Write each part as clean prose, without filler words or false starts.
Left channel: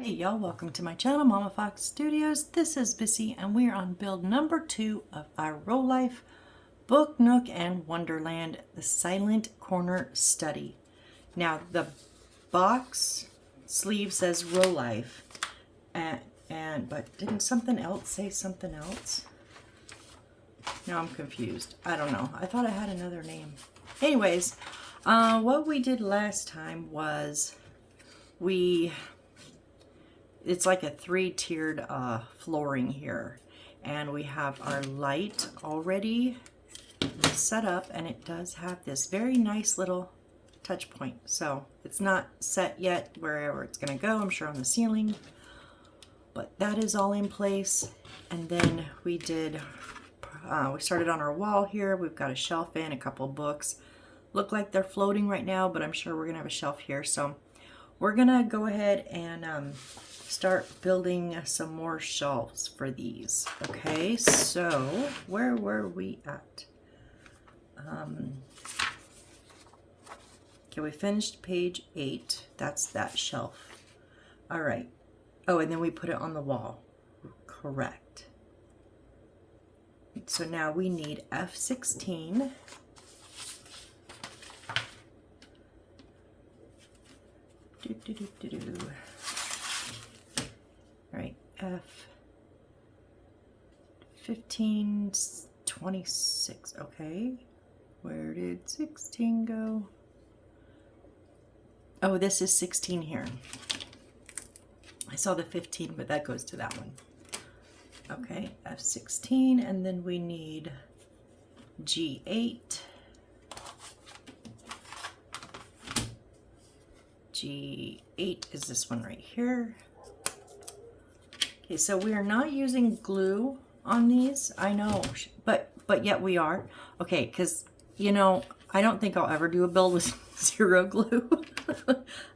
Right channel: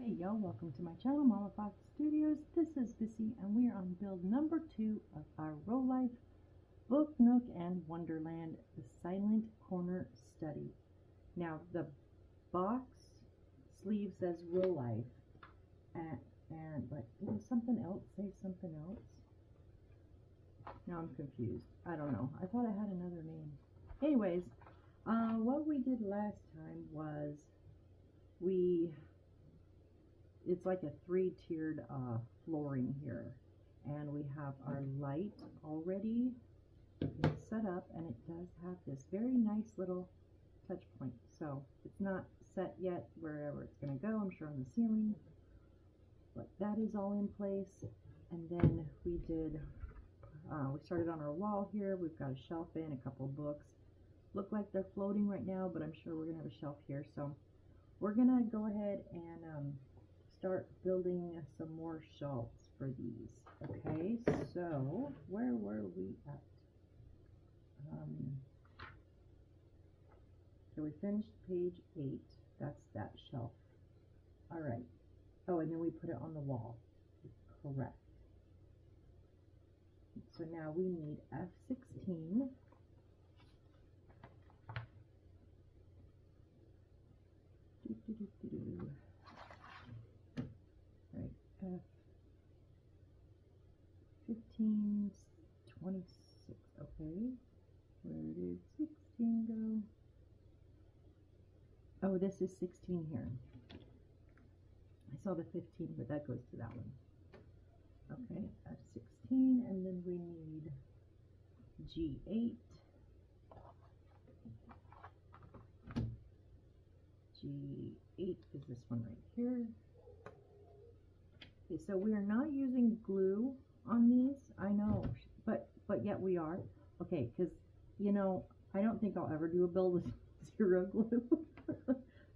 Hey y'all, welcome to my channel, Mama Fox Studios. This is Bissy and we are on build number 2 of our Row Life Book, Nook, and Wonderland, the Silent Corner Study. Now the box sleeve says Row Life, but didn't something else say something else? Now I'm confused. I don't know. I thought I had another name. Anyways, what we did last time was it's like a 3-tiered flooring here, and we have our light already set up, and it does have this very nice little touch point. So it's not set yet wherever it's going to go, I'm sure on the ceiling, but that is all in place. And then we started on our wall here. We've got a shelf in, a couple books. Look like they're floating right now, but I'm sure we're gonna have a shelf here. So we're gonna go ahead and start building some more shelves for these. Okay, so where were we at? Okay, we finished page 8. That's that shelf. All right. Oh, and then we put it on the wall. Correct. So now we need F16. All right, F15, 26. Okay, where did 16 go? Oh, this is 16 here. I saw the 15, but that goes to that one. Okay, F16, and then we need G8. G8 is this one right here. Okay, so we are not using glue on these. I know, but yet we are. Okay, because, you know, I don't think I'll ever do a build with zero glue.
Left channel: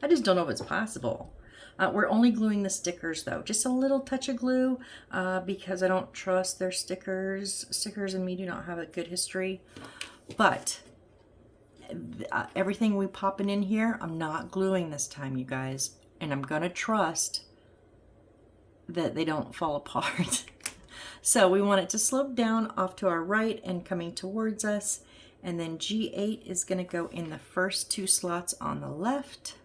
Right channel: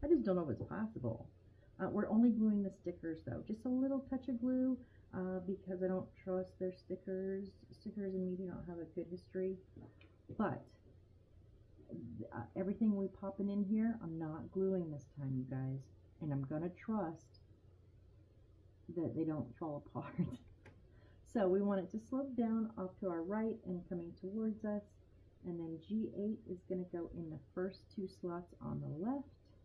I just don't know if it's possible. We're only gluing the stickers though, just a little touch of glue because I don't trust their stickers. Stickers and me do not have a good history, but everything we popping in here, I'm not gluing this time, you guys, and I'm gonna trust that they don't fall apart. So we want it to slope down off to our right and coming towards us, and then G8 is gonna go in the first 2 slots on the left.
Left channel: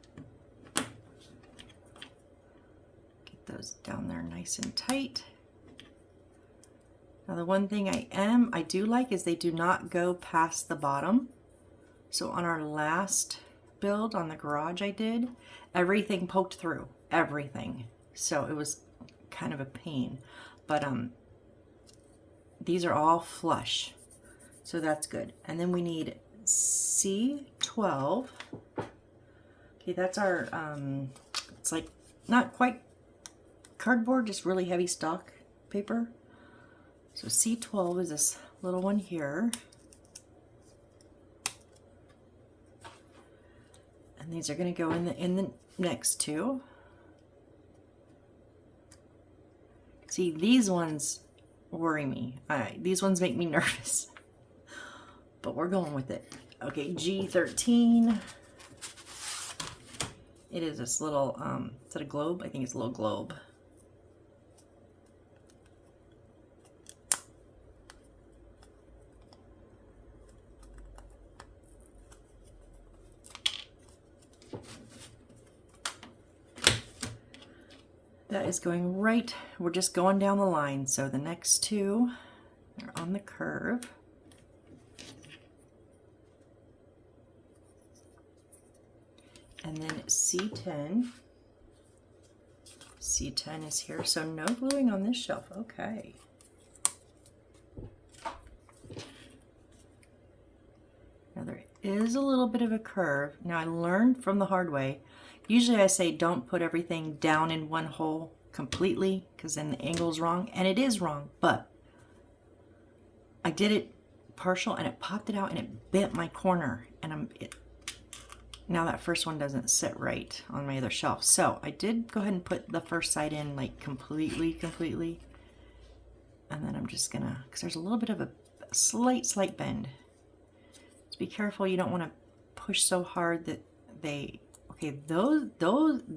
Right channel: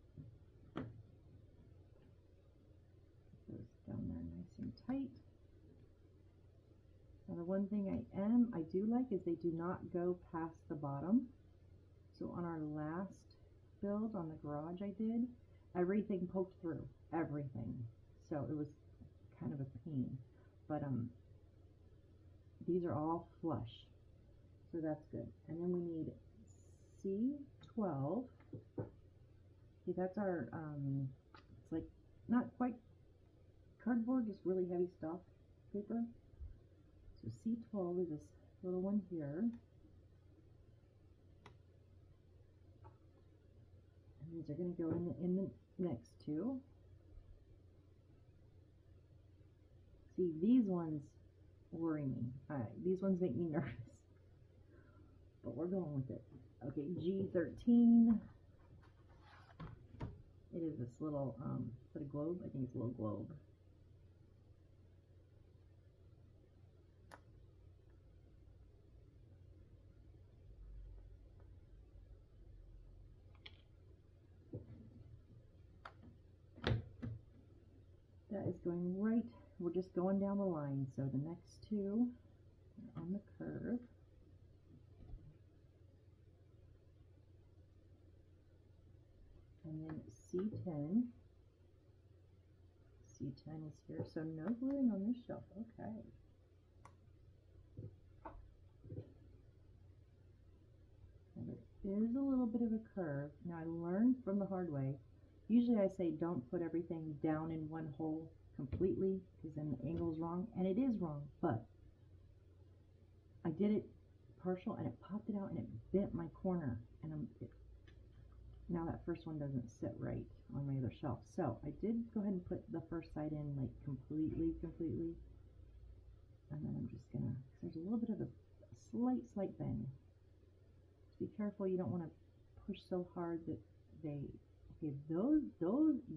Those down there nice and tight. Now the one thing I do like is they do not go past the bottom. So on our last build on the garage I did, everything poked through, everything. So it was kind of a pain, but these are all flush, so that's good. And then we need C12. Okay, that's our it's like not quite cardboard, just really heavy stock paper. So C12 is this little one here. And these are going to go in the next 2. See, these ones worry me. These ones make me nervous. But we're going with it. Okay, G13. It is this little, is that a globe? I think it's a little globe. That is going right, we're just going down the line. So the next 2 are on the curve. And then C10. C10 is here, so no gluing on this shelf. Okay. Now there is a little bit of a curve. Now I learned from the hard way. Usually I say don't put everything down in one hole completely because then the angle is wrong, and it is wrong, but I did it partial and it popped it out and it bent my corner, and now that first one doesn't sit right on my other shelf. So I did go ahead and put the first side in like completely, and then I'm just gonna, because there's a little bit of a slight bend. So be careful, you don't want to push so hard that they Okay,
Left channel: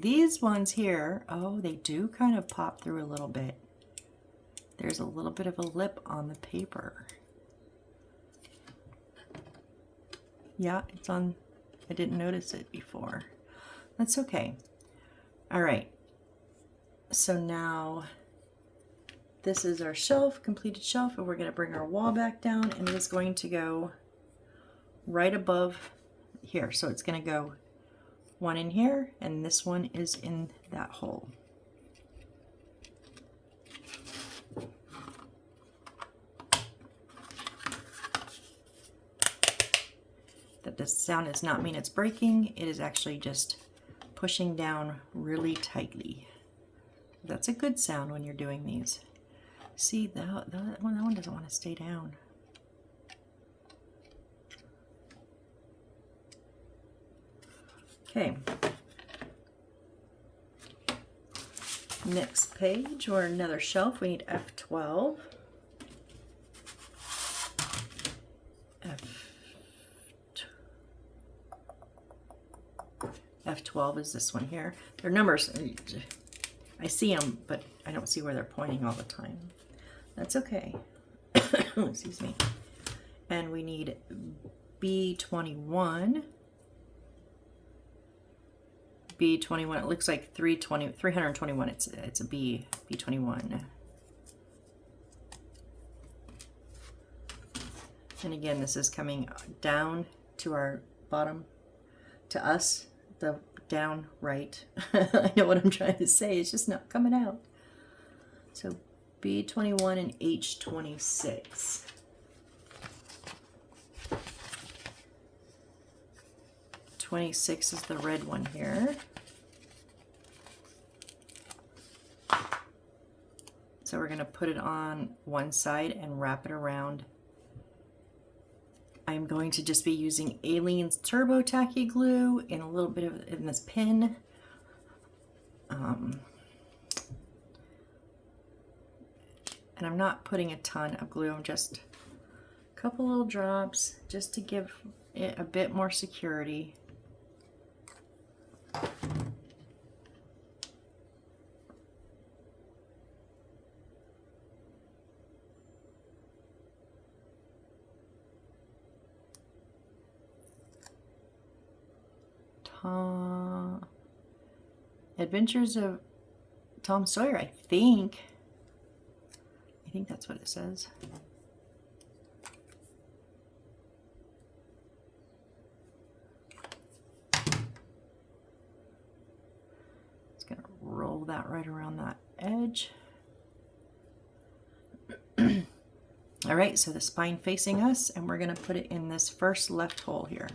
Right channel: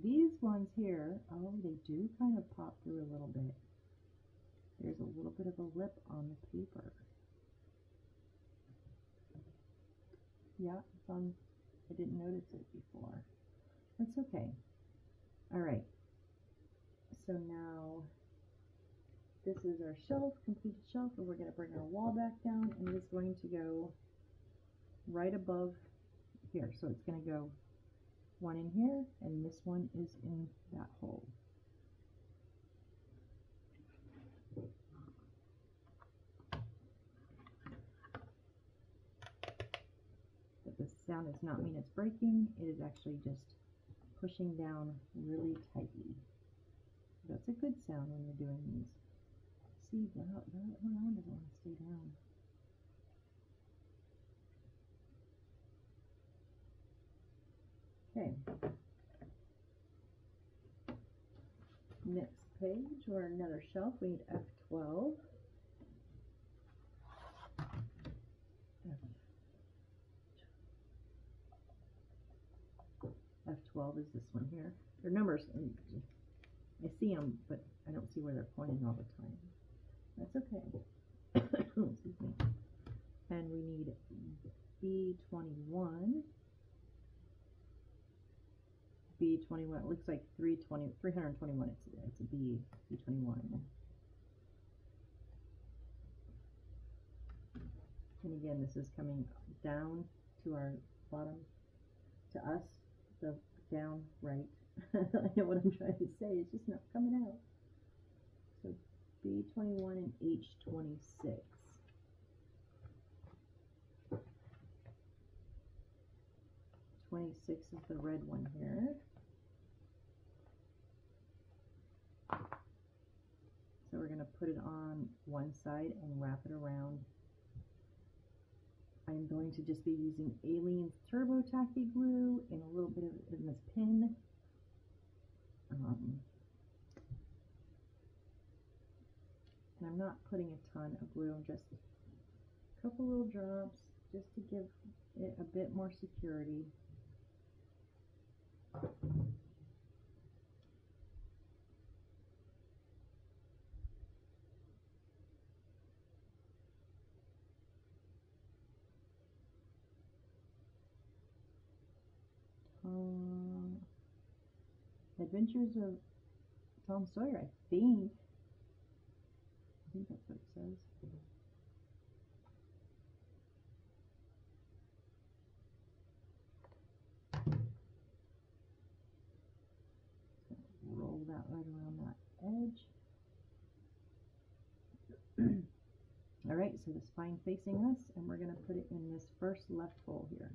these ones here, oh, they do kind of pop through a little bit. There's a little bit of a lip on the paper. Yeah, it's on, I didn't notice it before. That's okay. All right, so now this is our shelf, completed shelf, and we're gonna bring our wall back down, and it is going to go right above here. So it's gonna go one in here, and this one is in that hole. That this sound does not mean it's breaking, it is actually just pushing down really tightly. That's a good sound when you're doing these. See, that one doesn't want to stay down. Okay. Next page or another shelf, we need F12. F12 is this one here. Their numbers, I see them, but I don't see where they're pointing all the time. That's okay. Excuse me. And we need B21. B21, it looks like 321. It's a B21. And again, this is coming down to our bottom, to us, the down right. I know what I'm trying to say, it's just not coming out. So B21 and H26. '26 is the red one here. So we're going to put it on one side and wrap it around. I'm going to just be using Aleene's Turbo Tacky Glue and a little bit of in this pin. And I'm not putting a ton of glue, I'm just a couple little drops just to give it a bit more security. Adventures of Tom Sawyer, I think that's what it says. Just gonna roll that right around that edge. All right, so the spine facing us, and we're gonna put it in this first left hole here.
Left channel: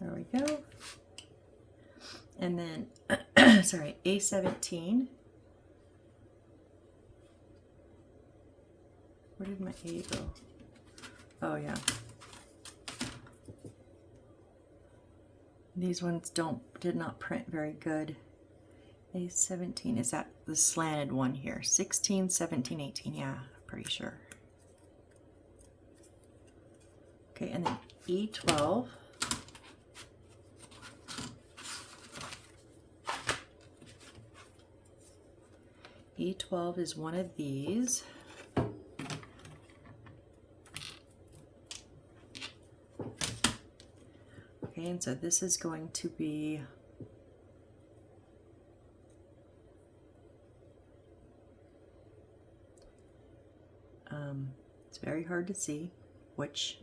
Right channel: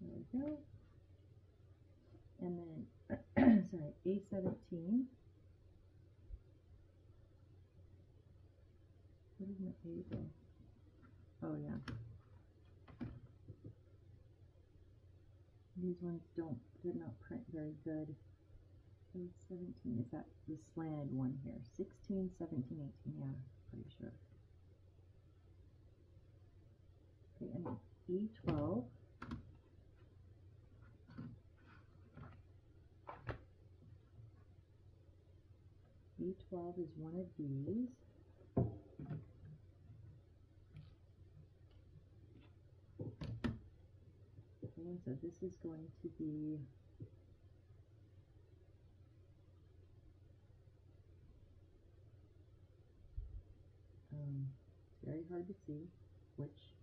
There we go. And then, sorry, A17. Where did my A go? Oh, yeah. These ones did not print very good. A17, is that the slanted one here? 16, 17, 18, yeah, pretty sure. Okay, and then E12. E12 is one of these. Okay, and so this is going to be it's very hard to see which,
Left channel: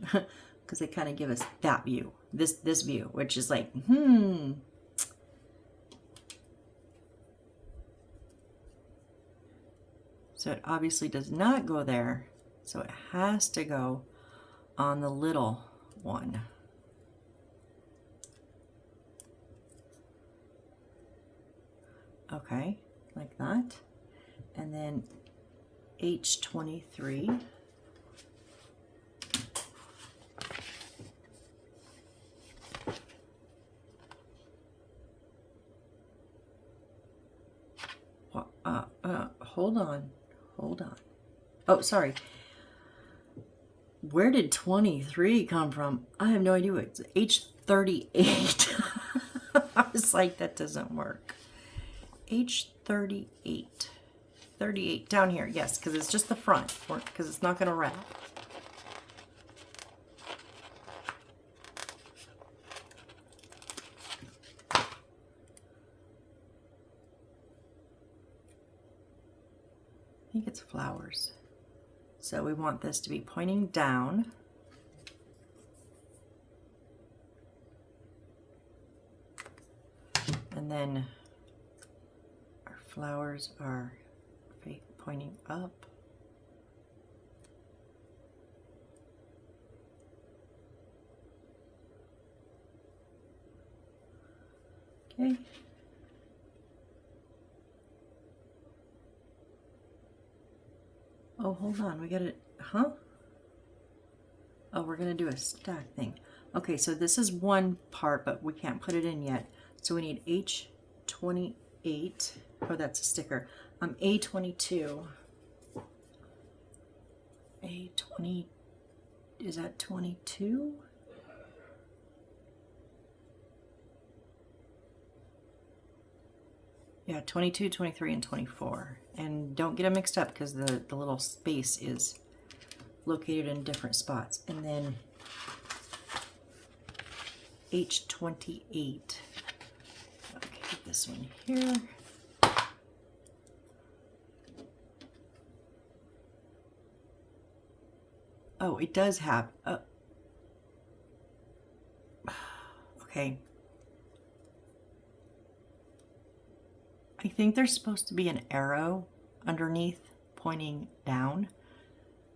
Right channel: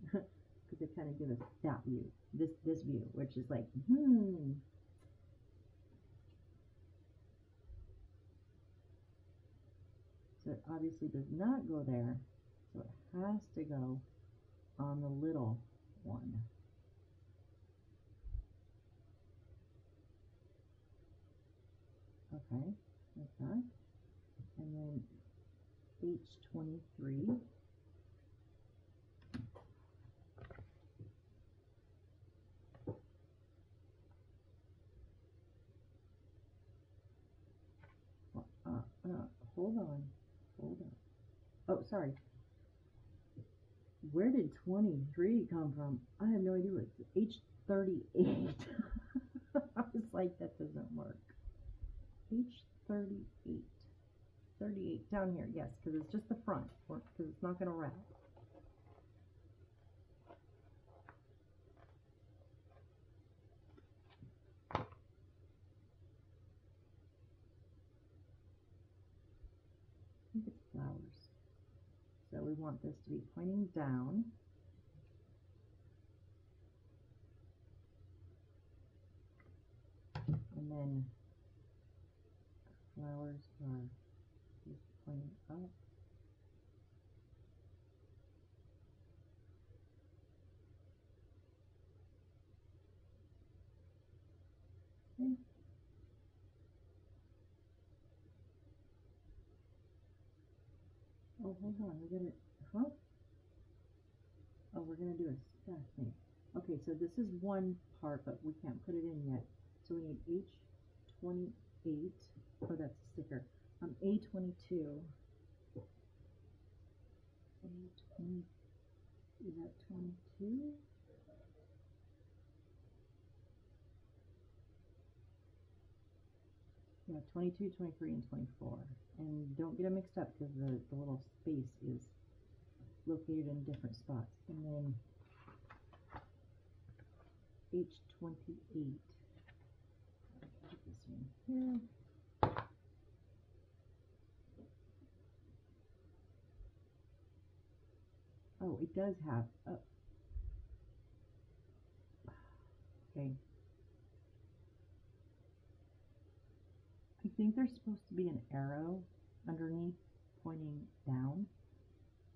because they kind of give us that view, this view, which is like, So it obviously does not go there, so it has to go on the little one. Okay, like that. And then H23. Hold on. hold on. Oh, sorry. Where did 23 come from? I have no idea. It's H38. I was like, that doesn't work. H38. 38 down here, yes, because it's just the front, because it's not going to wrap. I think it's flowers. So we want this to be pointing down. And then our flowers are pointing up. Okay. Oh, hold on, we gotta, huh? Oh, we're gonna do a stack thing. Okay, so this is one part, but we can't put it in yet. So we need H28. Oh, that's a sticker. A22. A20, is that 22? Yeah, 22, 23, and 24. And don't get them mixed up because the little space is located in different spots. And then H28. Okay, this one here. Oh, it does have, okay. I think there's supposed to be an arrow underneath pointing down.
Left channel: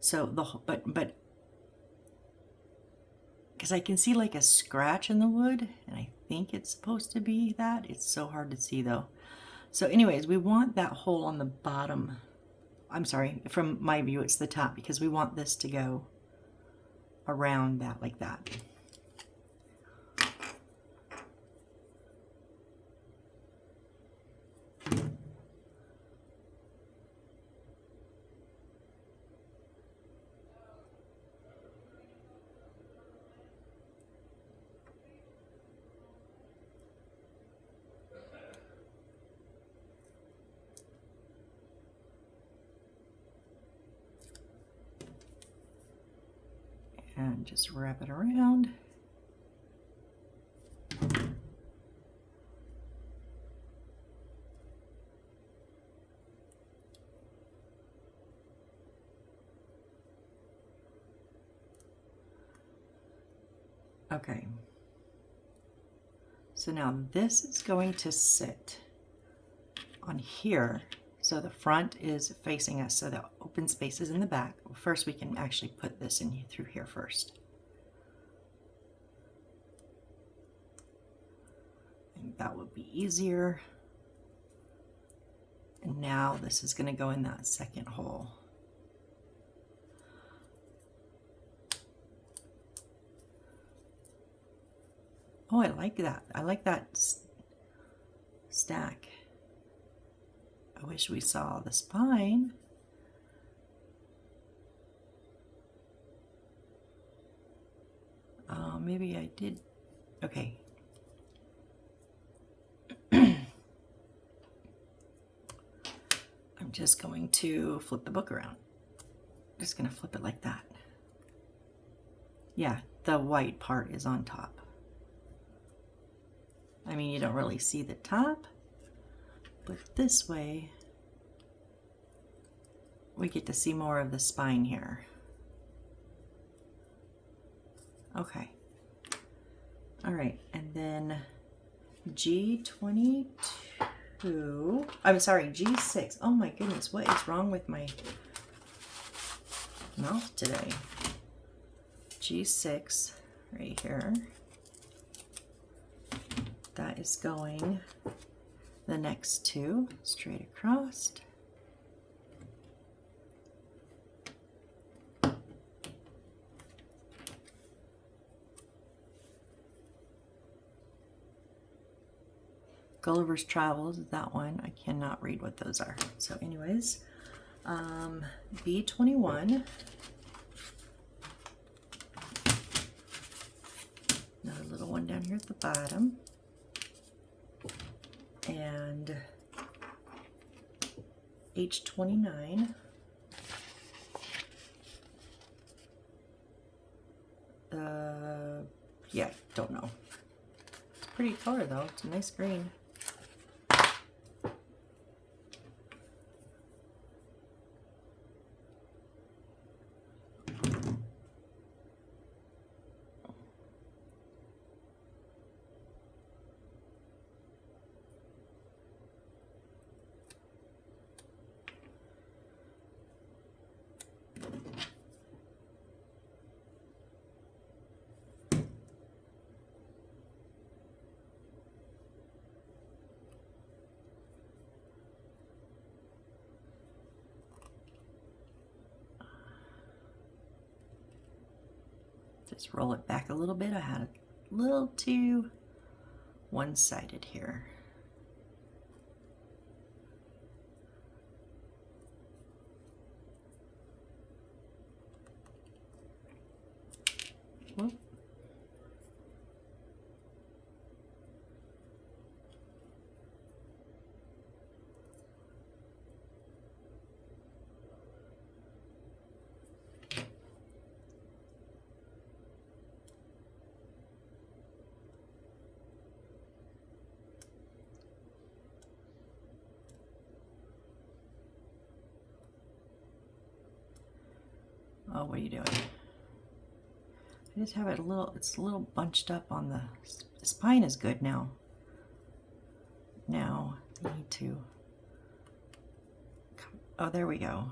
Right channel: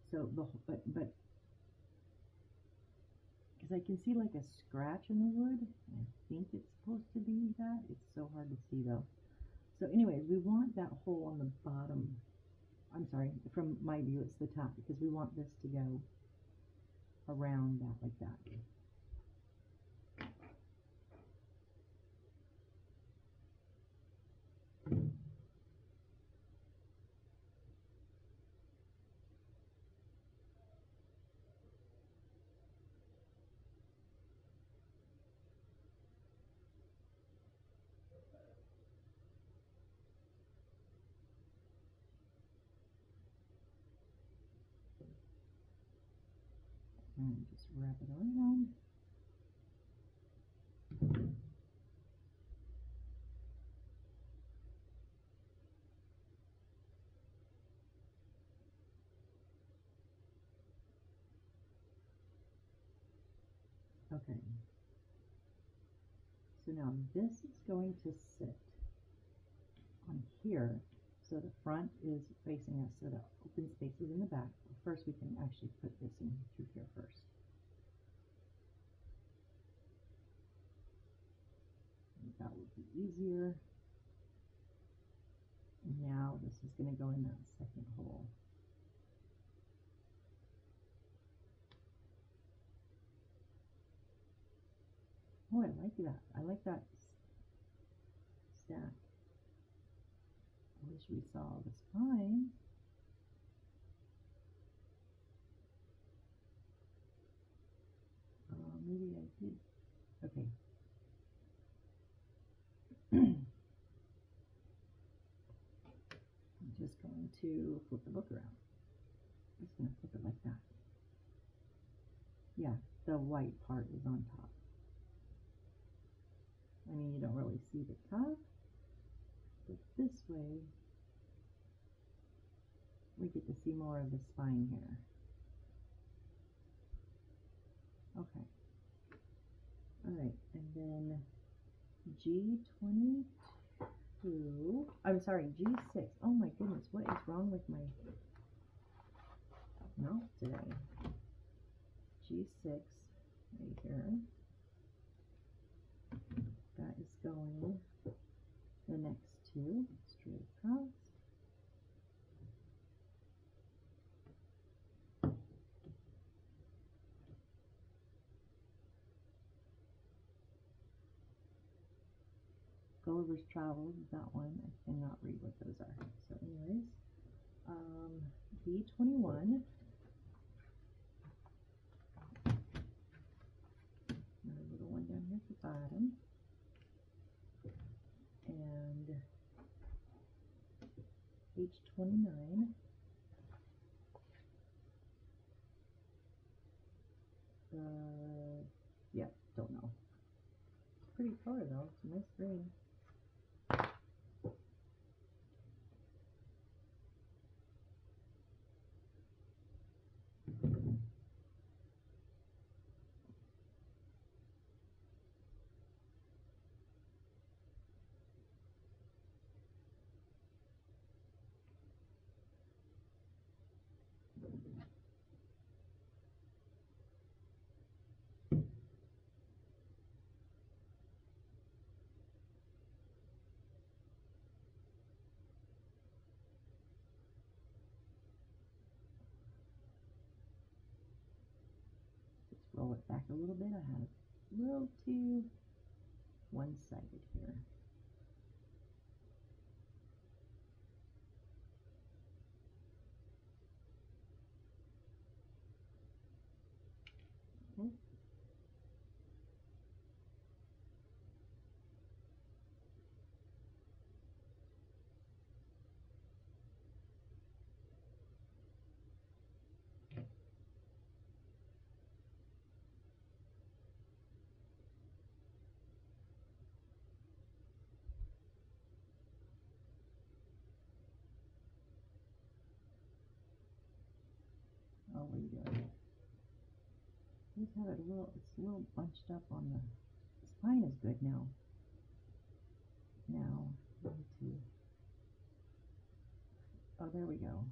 So but because I can see like a scratch in the wood, and I think it's supposed to be that. It's so hard to see though. So anyways, we want that hole on the bottom. I'm sorry, from my view it's the top, because we want this to go around that like that. And just wrap it around. Okay. So now this is going to sit on here. So the front is facing us, so the open space is in the back. First, we can actually put this in through here first. I think that would be easier. And now this is going to go in that second hole. Oh, I like that. I like that stack. I wish we saw the spine. Maybe I did. Okay. I'm just going to flip the book around. Just going to flip it like that. Yeah, the white part is on top. I mean, you don't really see the top, but this way we get to see more of the spine here. Okay. All right, and then G22, I'm sorry, G6. Oh my goodness, what is wrong with my mouth today? G6 right here. That is going the next two straight across. Gulliver's Travels is that one. I cannot read what those are. So anyways, B21. Another little one down here at the bottom. And H29. Yeah, don't know. It's a pretty color though. It's a nice green. Just roll it back a little bit. I had a little too one-sided here. Whoop. Oh, what are you doing? I just have it a little, it's a little bunched up on the spine is good now. Now, I need to, oh, there we go.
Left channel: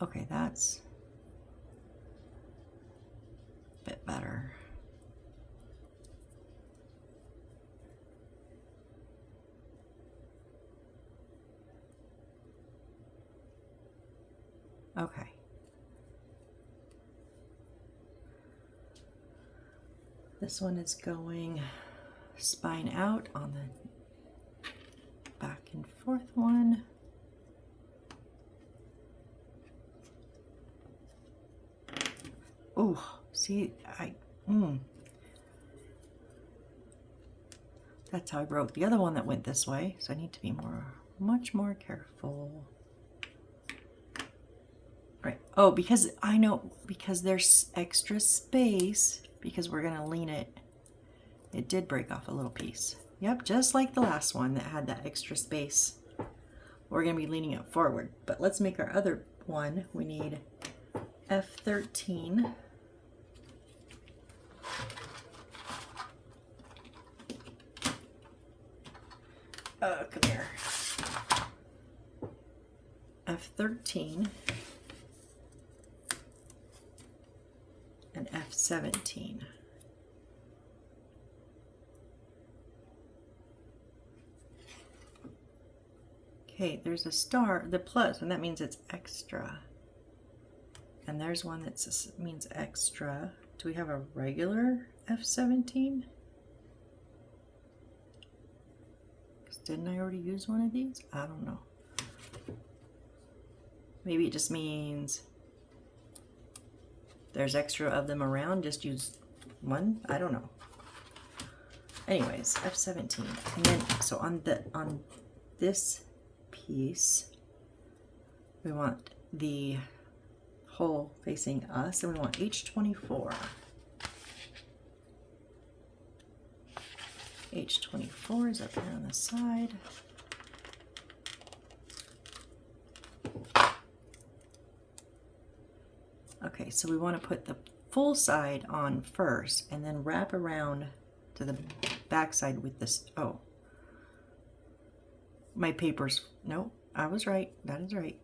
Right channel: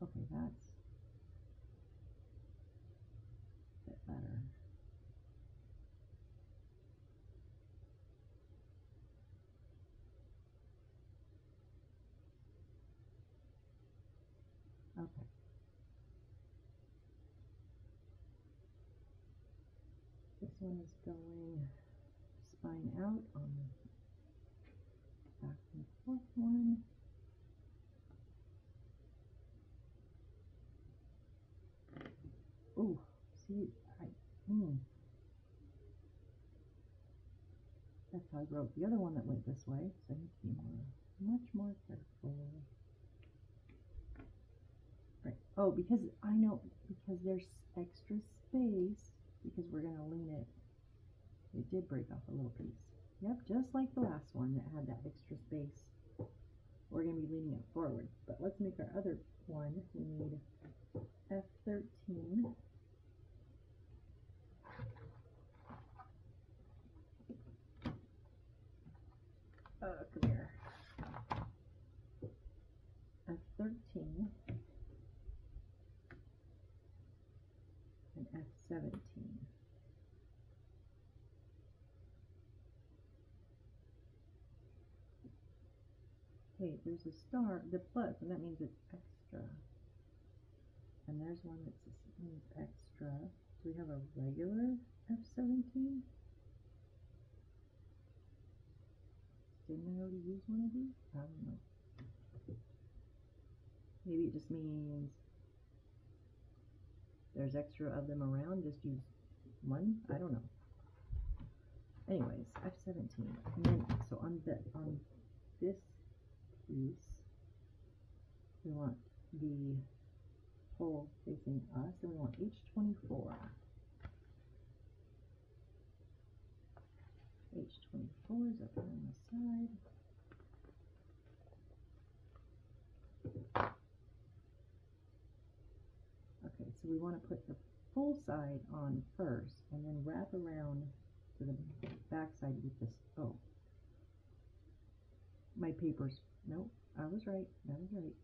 Okay, that's a bit better. Okay. This one is going spine out on the back and forth one. Oh, see, that's how I wrote the other one that went this way, so I need to be much more careful. Right. Oh, because I know, because there's extra space, because we're gonna lean it. It did break off a little piece. Yep, just like the last one that had that extra space. We're gonna be leaning it forward. But let's make our other one. We need F13. Come here. F13 and F17. Okay, there's a star, the plus, and that means it's extra. And there's one that means extra. Do we have a regular F17? Didn't I already use one of these? I don't know. Maybe it just means there's extra of them around, just use one? I don't know. Anyways, F17. And then, so on this piece, we want the hole facing us, and we want H24. H24 is up here on the side. Okay, so we want to put the full side on first and then wrap around to the back side with this. Oh, my paper's, no, I was right. That is right.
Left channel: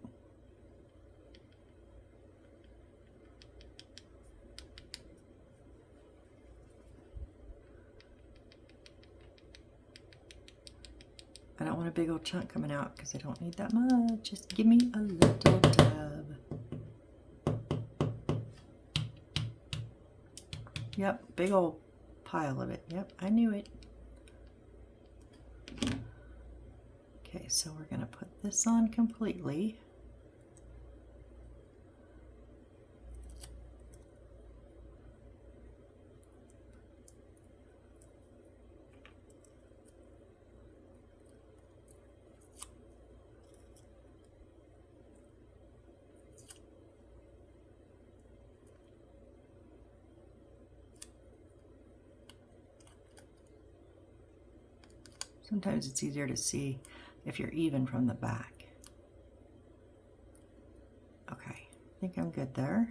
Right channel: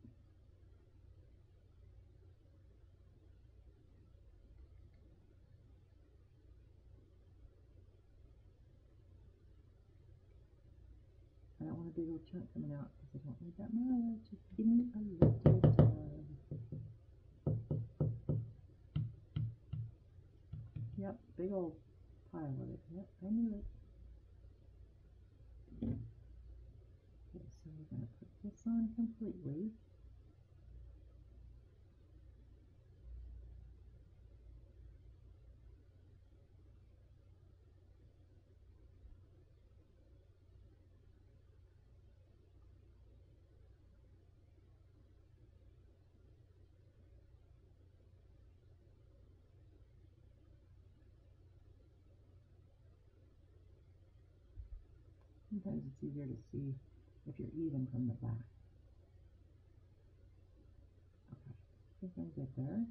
I don't want a big old chunk coming out because I don't need that much. Just give me a little dab. Yep, big old pile of it. Yep, I knew it. Okay, so we're going to put this on completely. Sometimes it's easier to see if you're even from the back. Okay, I think I'm good there.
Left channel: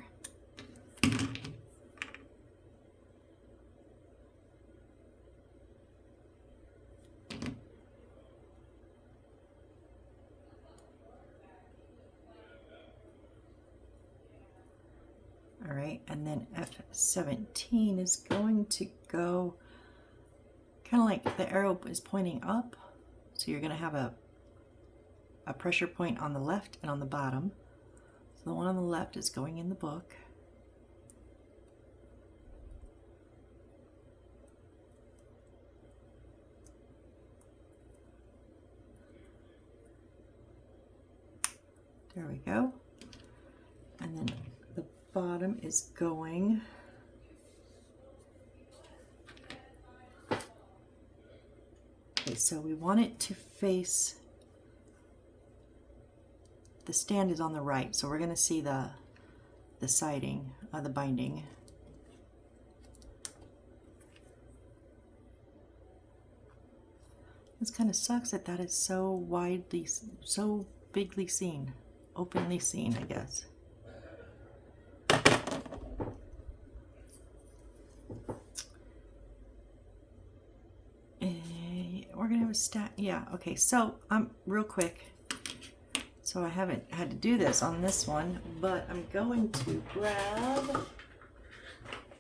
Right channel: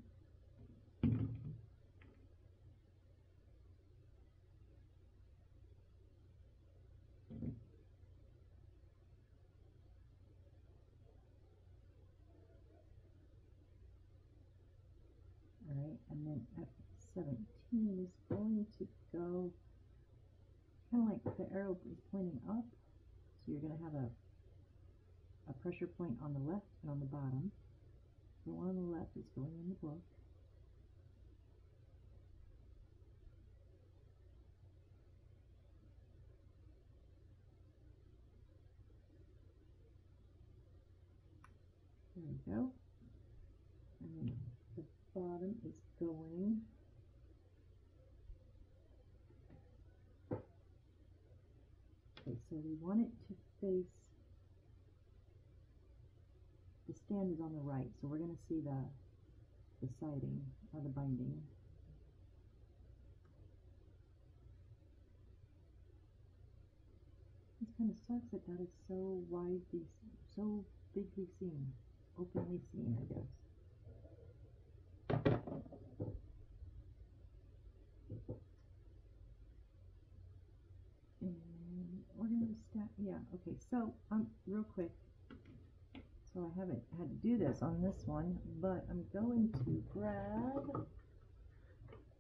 All right, and then F17 is going to go kind of like the arrow is pointing up. So you're going to have a pressure point on the left and on the bottom. So the one on the left is going in the book. There we go. And then the bottom is going okay, so we want it to face, the stand is on the right, so we're going to see the siding, the binding. This kind of sucks that that is so widely, so bigly seen, openly seen, I guess. We're gonna have a stack, yeah, okay, so real quick, so I haven't had to do this on this one, but I'm going to grab,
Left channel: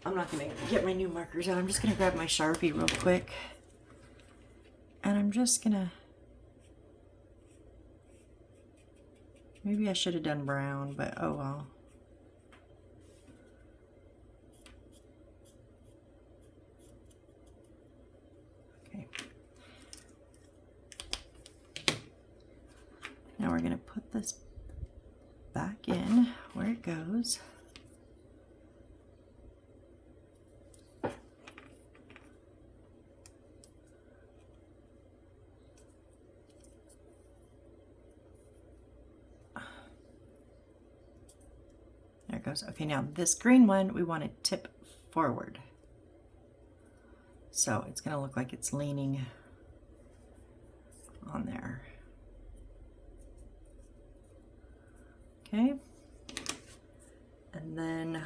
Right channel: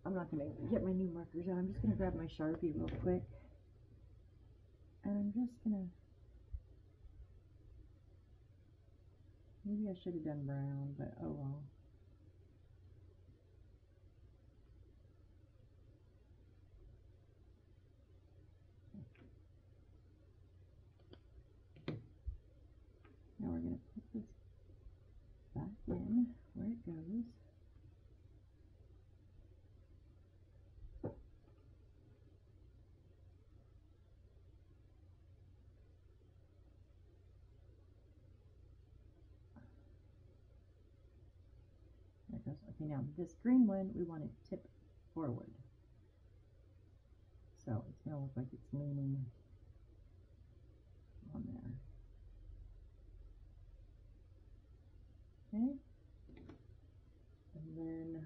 I'm not gonna get my new markers out, I'm just gonna grab my Sharpie real quick, and I'm just gonna, maybe I should have done brown, but oh well. Okay. Now we're gonna put this back in where it goes. There it goes. Okay, now this green one, we want to tip forward. So it's going to look like it's leaning on there. Okay. And then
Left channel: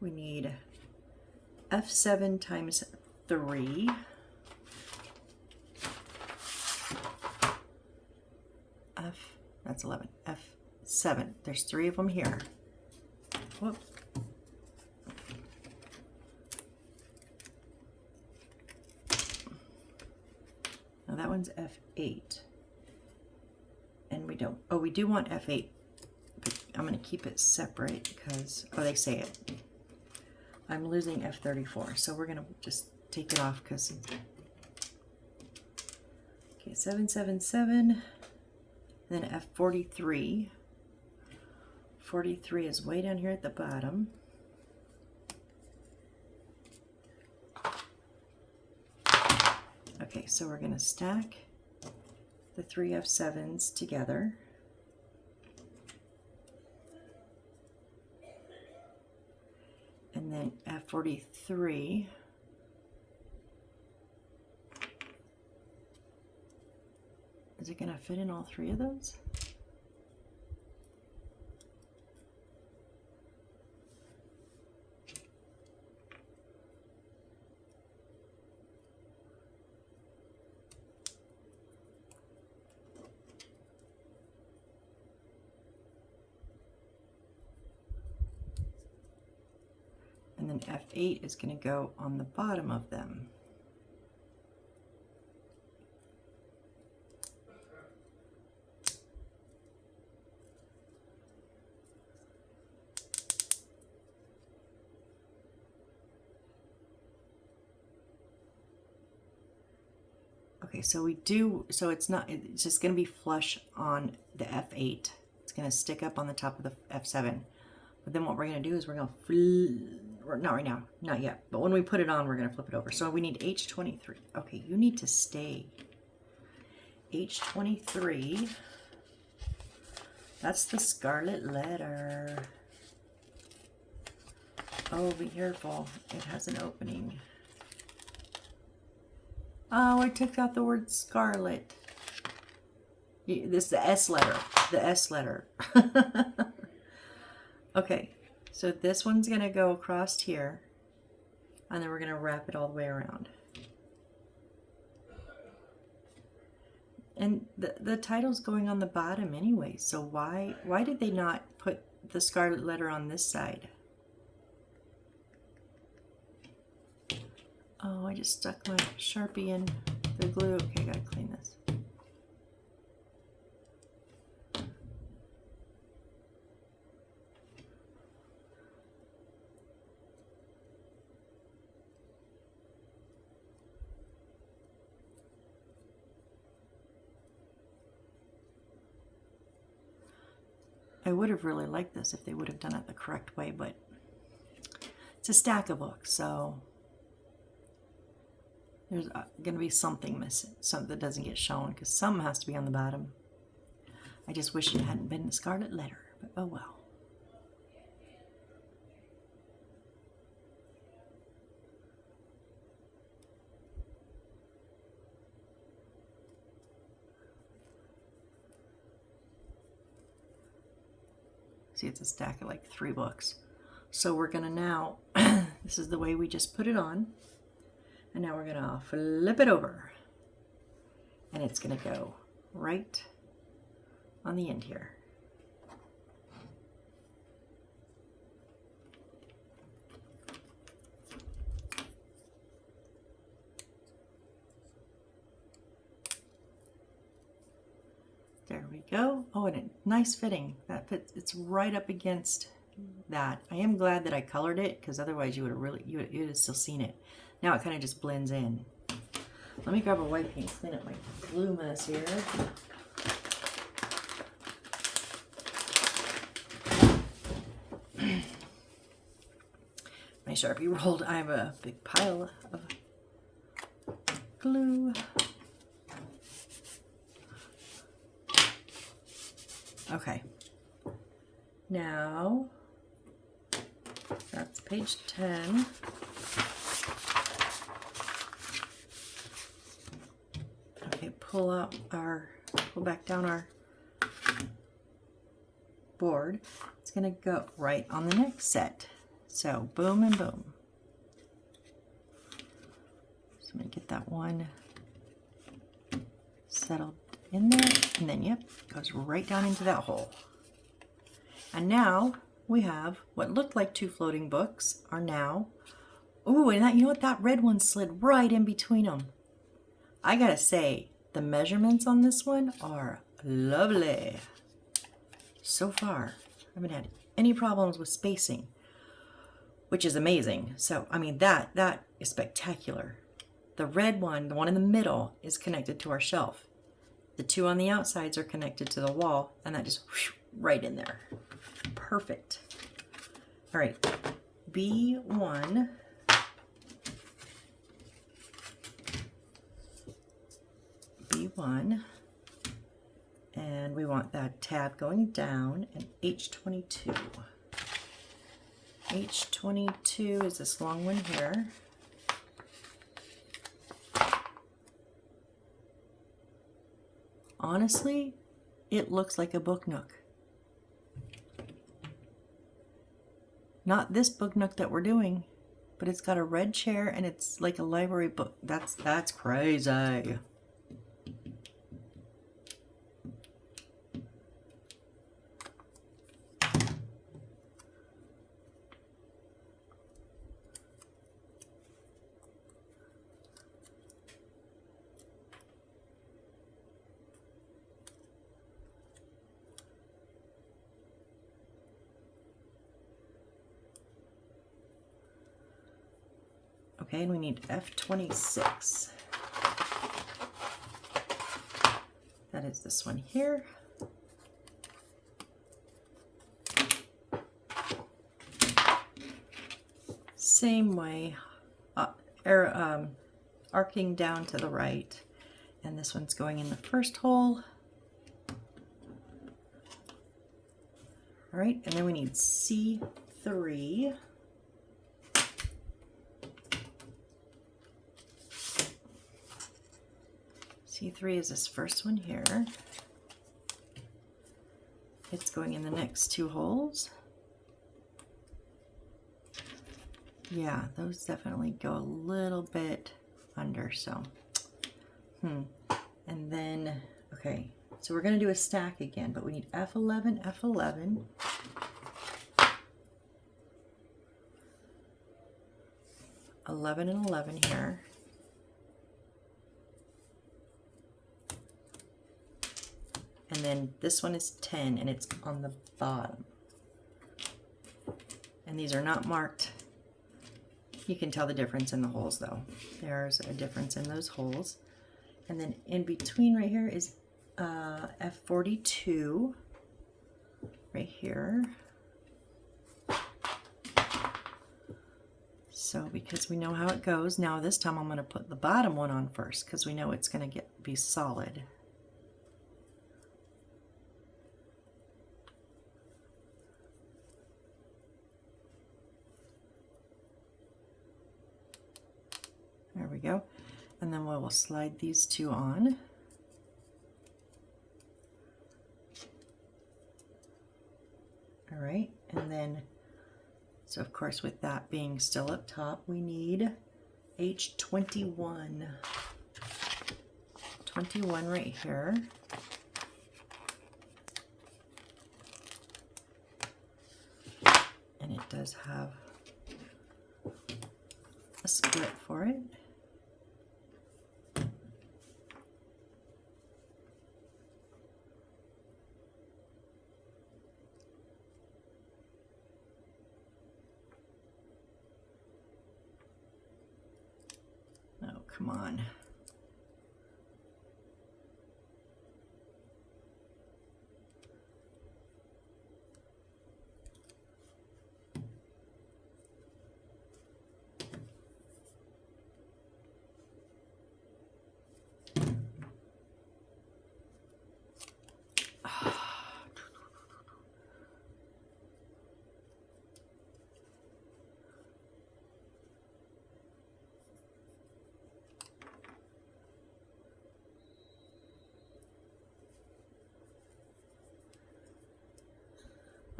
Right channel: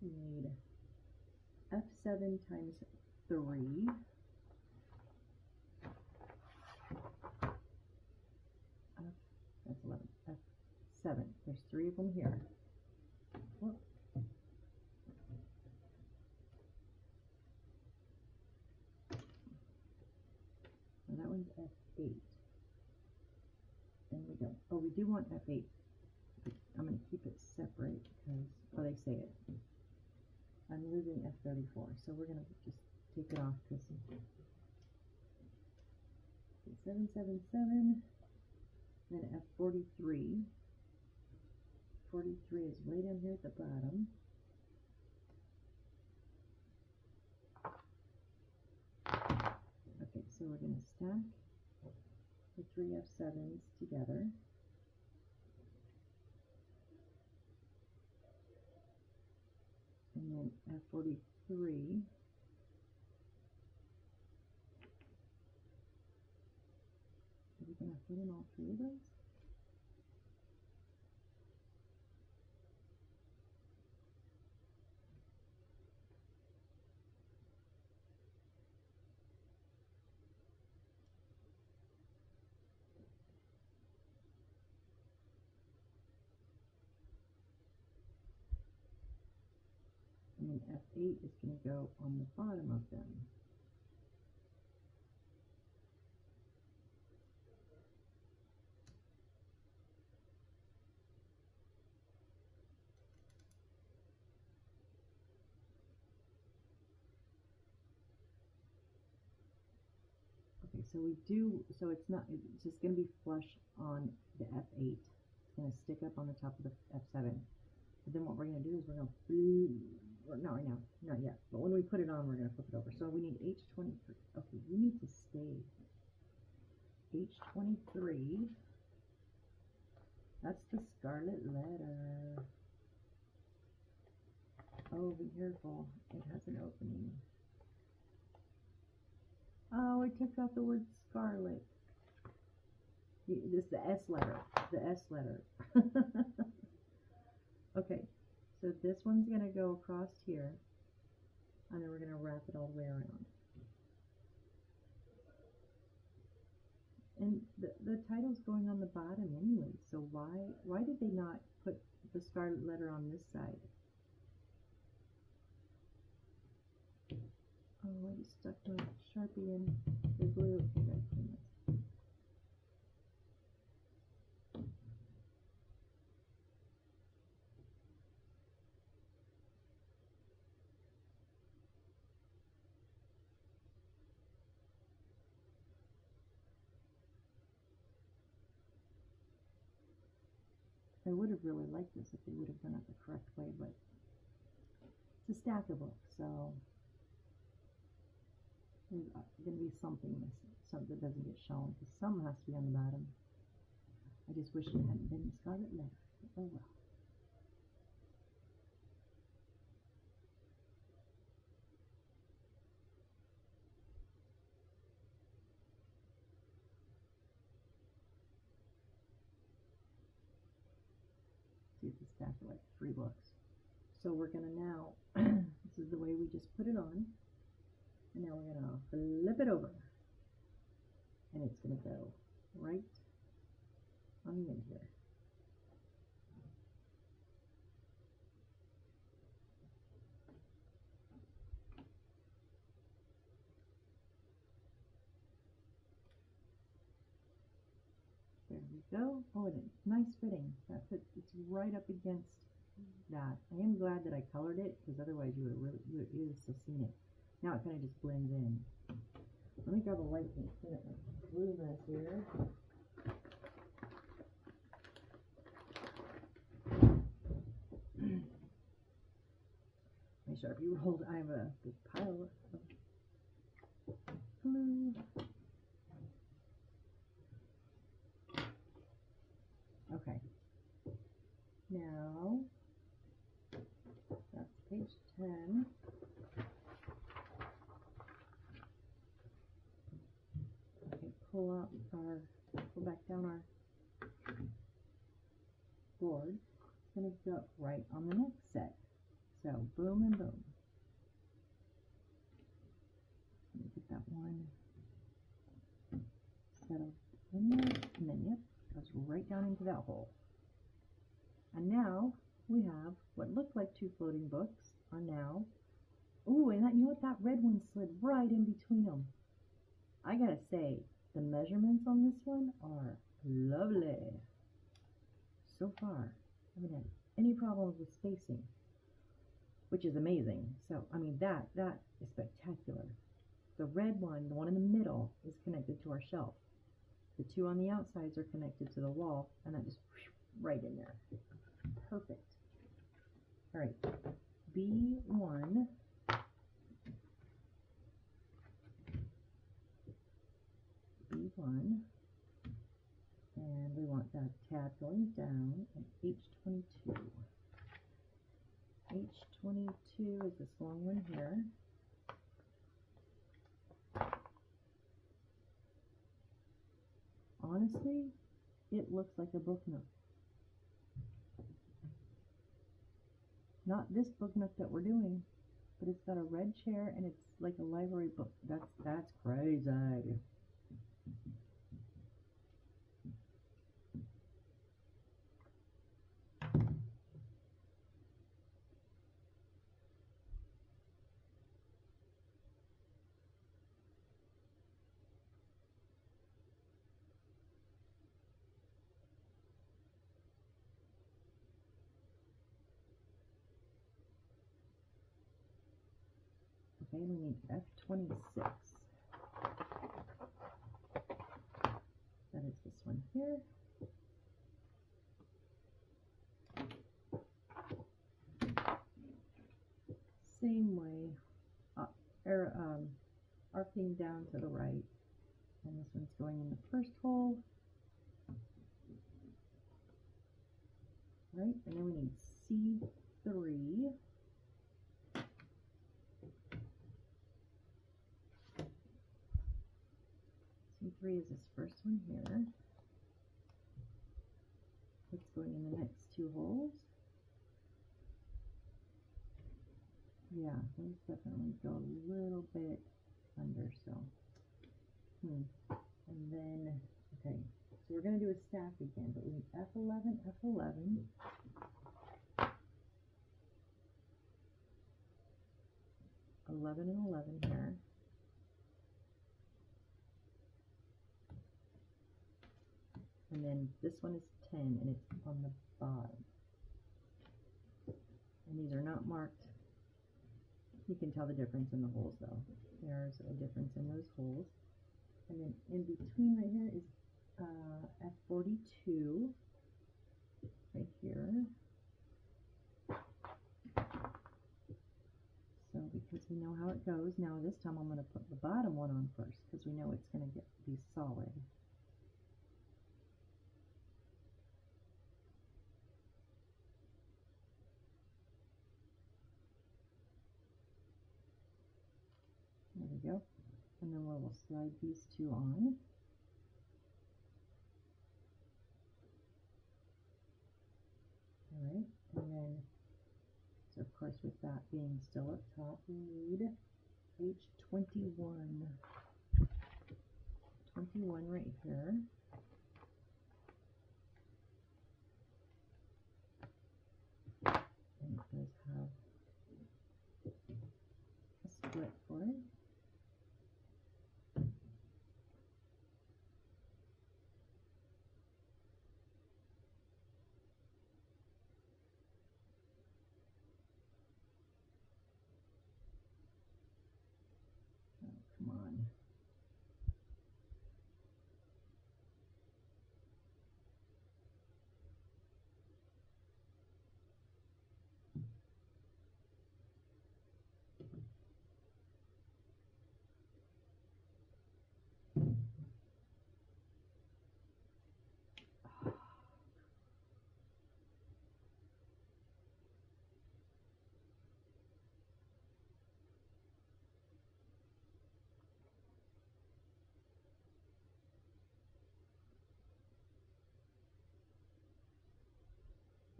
we need F7 times 3. That's 11. F7. There's 3 of them here. Whoop. Now that one's F8. And we don't, oh, we do want F8, but I'm going to keep it separate because, oh, they say it. I'm losing F34, so we're going to just take it off because, okay, 7, 7, 7, then F43. 43 is way down here at the bottom. Okay, so we're going to stack the 3 F7s together. And then F43. Is it going to fit in all 3 of those? And then F8 is going to go on the bottom of them. Okay, so we do, so it's not, it's just going to be flush on the F8. It's going to stick up on the top of the F7. But then what we're going to do is we're going to, not right now, not yet, but when we put it on, we're going to flip it over. So we need H23. Okay, you need to stay. H23. That's the scarlet letter. Oh, be careful. It has an opening. Oh, I took out the word scarlet. This is the S letter. The S letter. Okay, so this one's going to go across here, and then we're going to wrap it all the way around. And the title's going on the bottom anyway, so why did they not put the scarlet letter on this side? Oh, I just stuck my Sharpie in the glue. Okay, I gotta clean this. I would have really liked this if they would have done it the correct way, but it's a stack of books, so there's going to be something missing, something that doesn't get shown, because some has to be on the bottom. I just wish it hadn't been a scarlet letter, but oh well. See, it's a stack of like 3 books. So we're going to now, this is the way we just put it on. And now we're going to flip it over. And it's going to go right on the end here. There we go. Oh, and a nice fitting. That fits, it's right up against that. I am glad that I colored it, because otherwise you would have really, you would have still seen it. Now it kind of just blends in. Let me grab a white paint, clean up my glue mess here. My Sharpie rolled. I have a big pile of glue. Okay. Now, that's page 10. Okay, pull back down our board. It's gonna go right on the next set. So boom and boom. So I'm gonna get that one settled in there, and then yep, goes right down into that hole. And now we have what looked like 2 floating books are now, ooh, and that, you know what, that red one slid right in between them. I gotta say, the measurements on this one are lovely. So far, I haven't had any problems with spacing, which is amazing. So, I mean, that is spectacular. The red one, the one in the middle, is connected to our shelf. The 2 on the outsides are connected to the wall, and that just whoosh, right in there. Perfect. All right, B1. B1. And we want that tab going down, and H22. H22 is this long one here. Honestly, it looks like a book nook. Not this book nook that we're doing, but it's got a red chair and it's like a library book. That's crazy. Okay, and we need F26. That is this one here. Same way, arcing down to the right. And this one's going in the first hole. All right, and then we need C3. T3 is this first one here. It's going in the next 2 holes. Yeah, those definitely go a little bit under, so. And then, okay, so we're gonna do a stack again, but we need F11, F11. $11 and $11 here. And then this one is 10 and it's on the bottom. And these are not marked. You can tell the difference in the holes though. There's a difference in those holes. And then in between right here is F42 right here. So because we know how it goes, now this time I'm going to put the bottom one on first because we know it's going to be solid. There we go. And then we will slide these 2 on. All right, and then, so of course with that being still up top, we need H21. 21 right here. And it does have a split for it. Come on.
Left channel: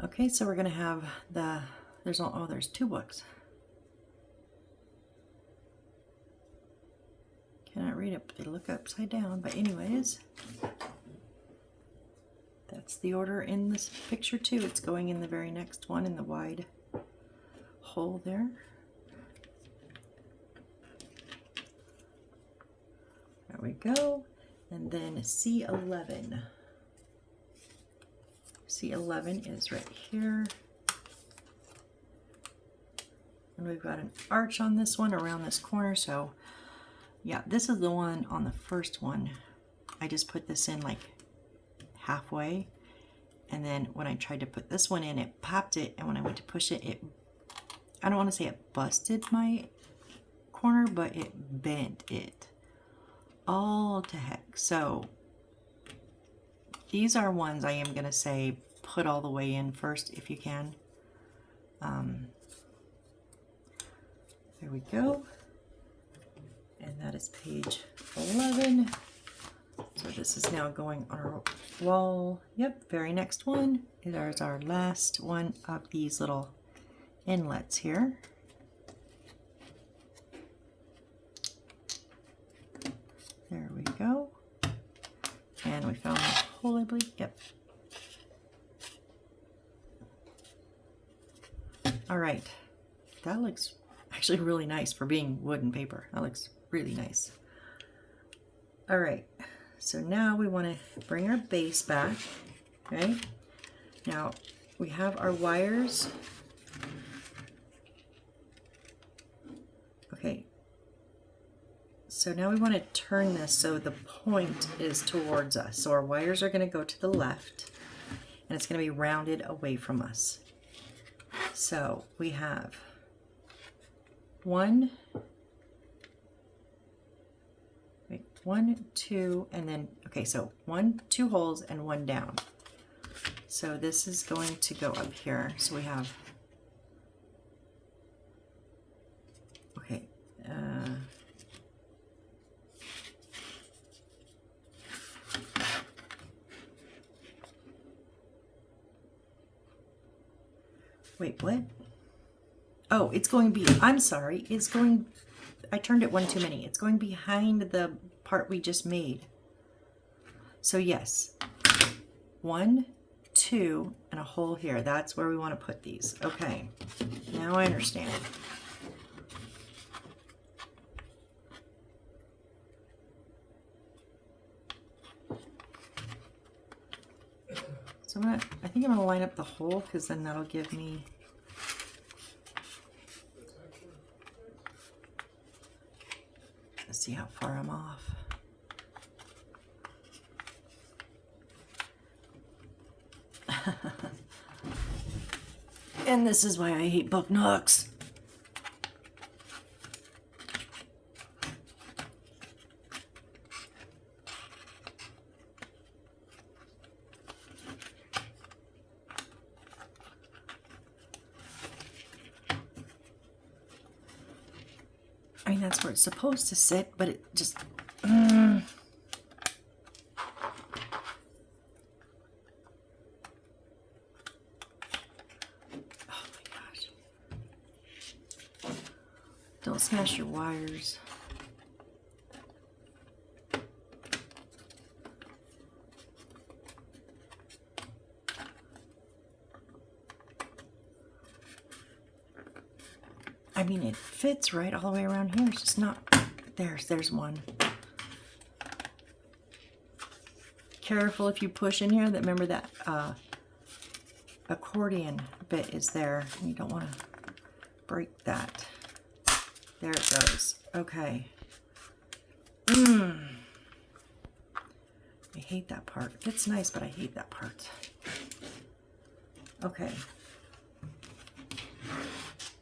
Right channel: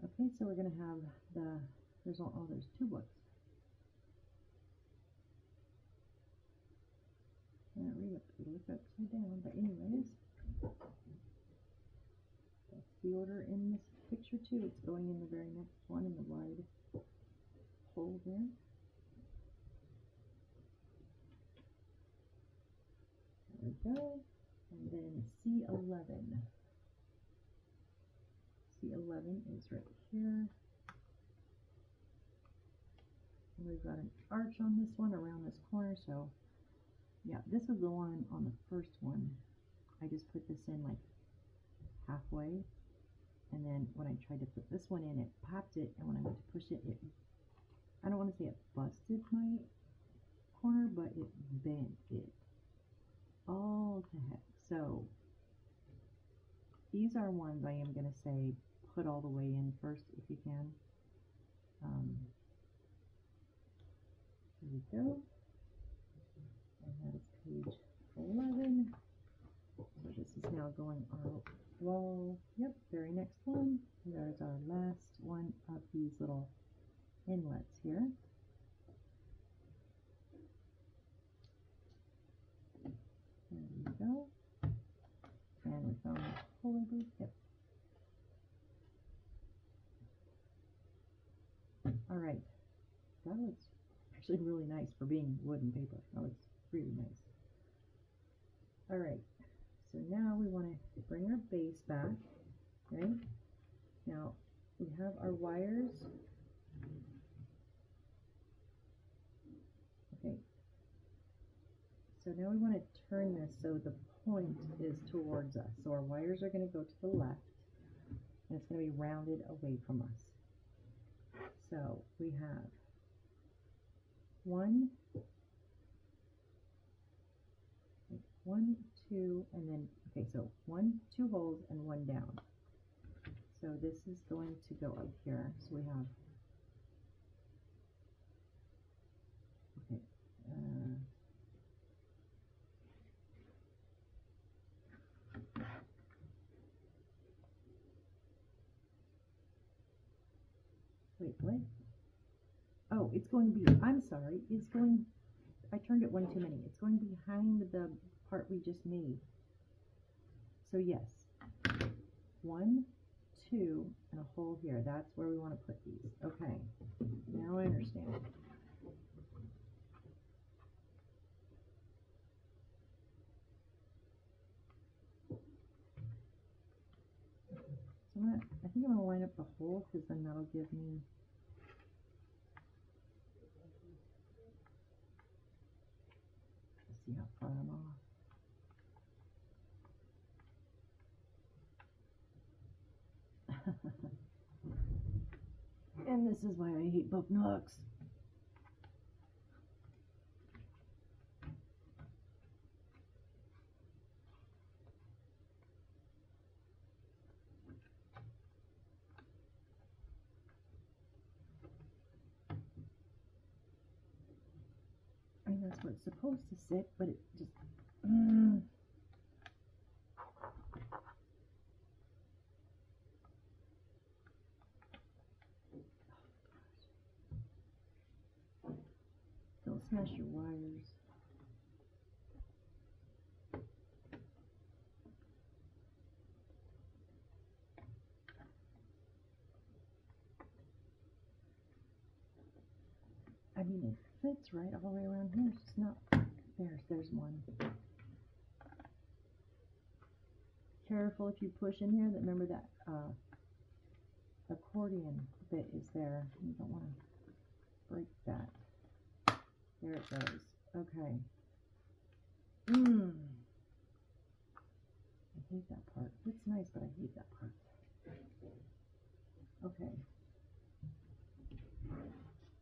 Okay, so we're going to have there's 2 books. Cannot read it, but they look upside down. But anyways, that's the order in this picture too. It's going in the very next one in the wide hole there. There we go. And then C11. C11 is right here. And we've got an arch on this one around this corner. So yeah, this is the one on the first one. I just put this in like halfway. And then when I tried to put this one in, it popped it. And when I went to push it, I don't want to say it busted my corner, but it bent it all to heck. So these are ones I am going to say put all the way in first if you can. There we go. And that is page 11. So this is now going on our wall. Yep, very next one. There's our last one of these little inlets here. There we go. And we found the hole, I believe. Yep. All right. That looks actually really nice for being wood and paper. That looks really nice. All right. So now we want to bring our base back, right? Now we have our wires. Okay. So now we want to turn this so the point is towards us. So our wires are going to go to the left and it's going to be rounded away from us. So we have 1, 2, and then, okay, so 1, 2 holes and 1 down. So this is going to go up here. So we have, okay, Wait, what? Oh, it's going I'm sorry. It's going, I turned it one too many. It's going behind the part we just made. So yes, 1, 2, and a hole here. That's where we want to put these. Okay, now I understand. So I think I'm gonna line up the hole because then that'll give me. Let's see how far I'm off. And this is why I hate book nooks. I mean, that's where it's supposed to sit, but it just... Don't smash your wires. I mean, it fits right all the way around here. It's just not... There's one. Careful if you push in here. Remember that accordion bit is there. You don't want to break that. There it goes. Okay. I hate that part. It's nice, but I hate that part. Okay.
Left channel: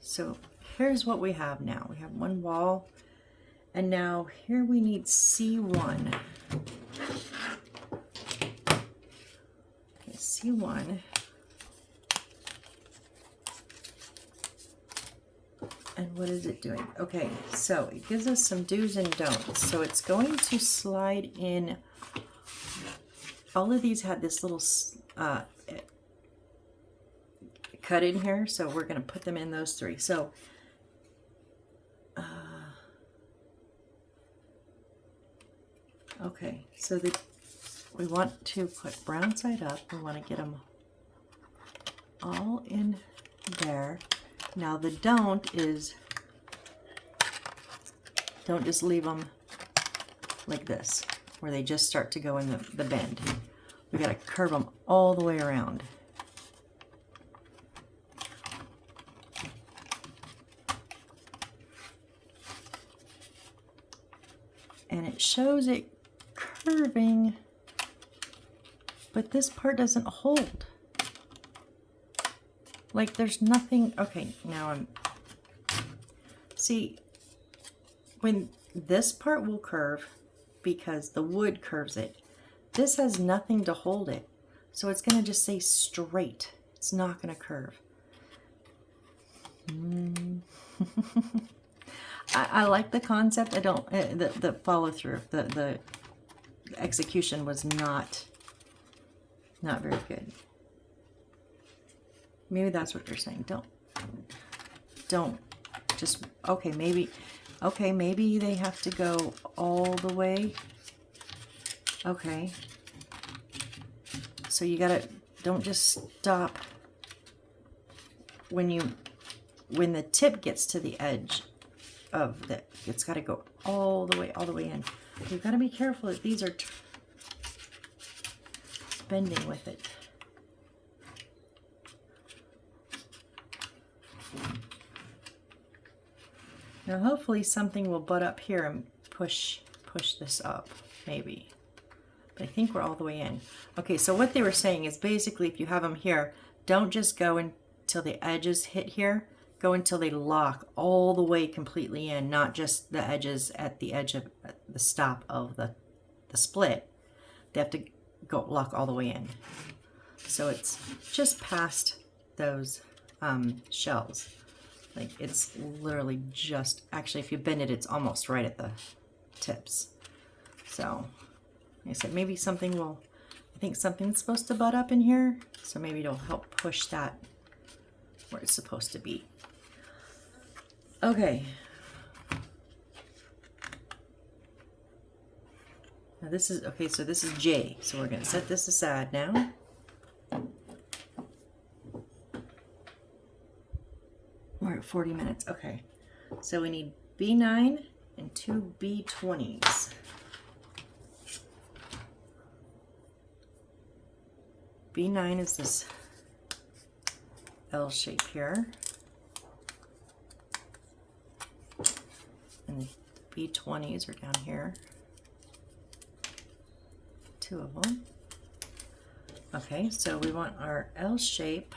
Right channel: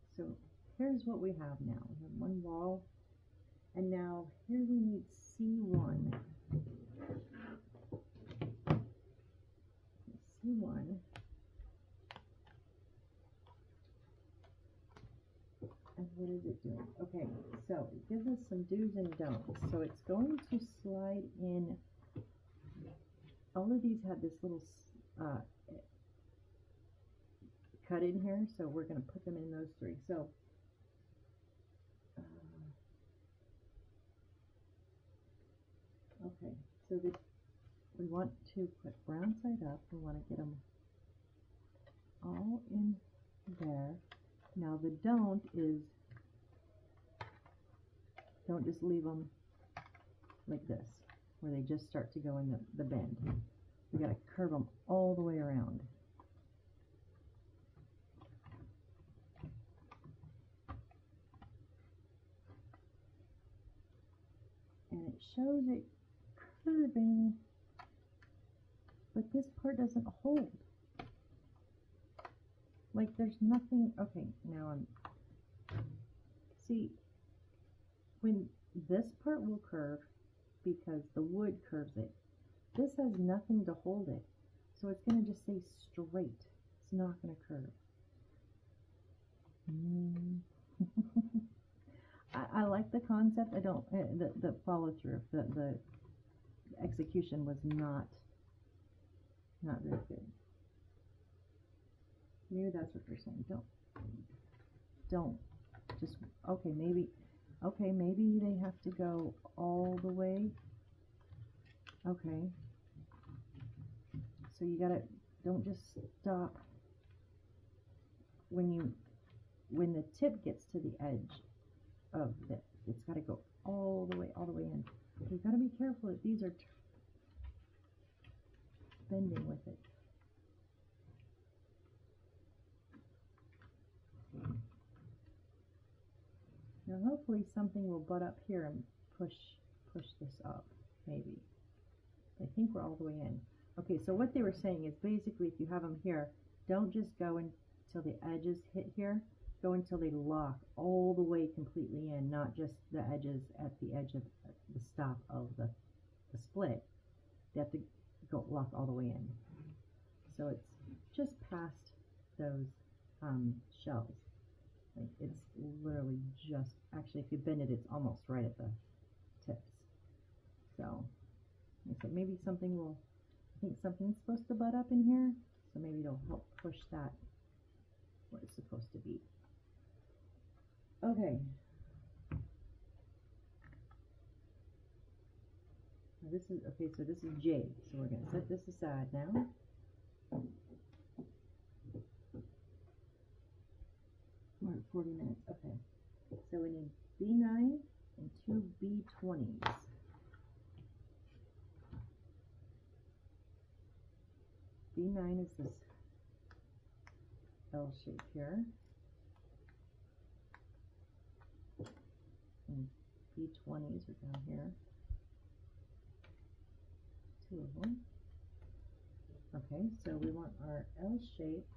So here's what we have now. We have one wall, and now here we need C1. Okay, C1. And what is it doing? Okay, so it gives us some do's and don'ts. So it's going to slide in. All of these had this little cut in here, so we're going to put them in those 3. So okay, so we want to put brown side up. We want to get them all in there. Now the don't is, don't just leave them like this, where they just start to go in the bend. We got to curve them all the way around. And it shows it curving, but this part doesn't hold. Like there's nothing. Okay, now see, when this part will curve because the wood curves it, this has nothing to hold it. So it's going to just stay straight. It's not going to curve. I like the concept. I don't, the follow through, the execution was not very good. Maybe that's what they're saying. Don't just, okay, maybe they have to go all the way. Okay. So you gotta, don't just stop when the tip gets to the edge of it's gotta go all the way in. You've gotta be careful that these are bending with it. Now hopefully something will butt up here and push this up, maybe. But I think we're all the way in. Okay, so what they were saying is basically if you have them here, don't just go until the edges hit here. Go until they lock all the way completely in, not just the edges at the edge of the stop of the split. They have to go lock all the way in. So it's just past those shells. Like it's literally just, actually if you bend it, it's almost right at the tips. So like I said, maybe something will, I think something's supposed to butt up in here. So maybe it'll help push that where it's supposed to be. Okay. Now this is, okay, so this is J. So we're going to set this aside now. We're at 40 minutes. Okay. So we need B9 and 2 B20s. B9 is this L shape here. And the B20s are down here. 2 of them. Okay, so we want our L shape,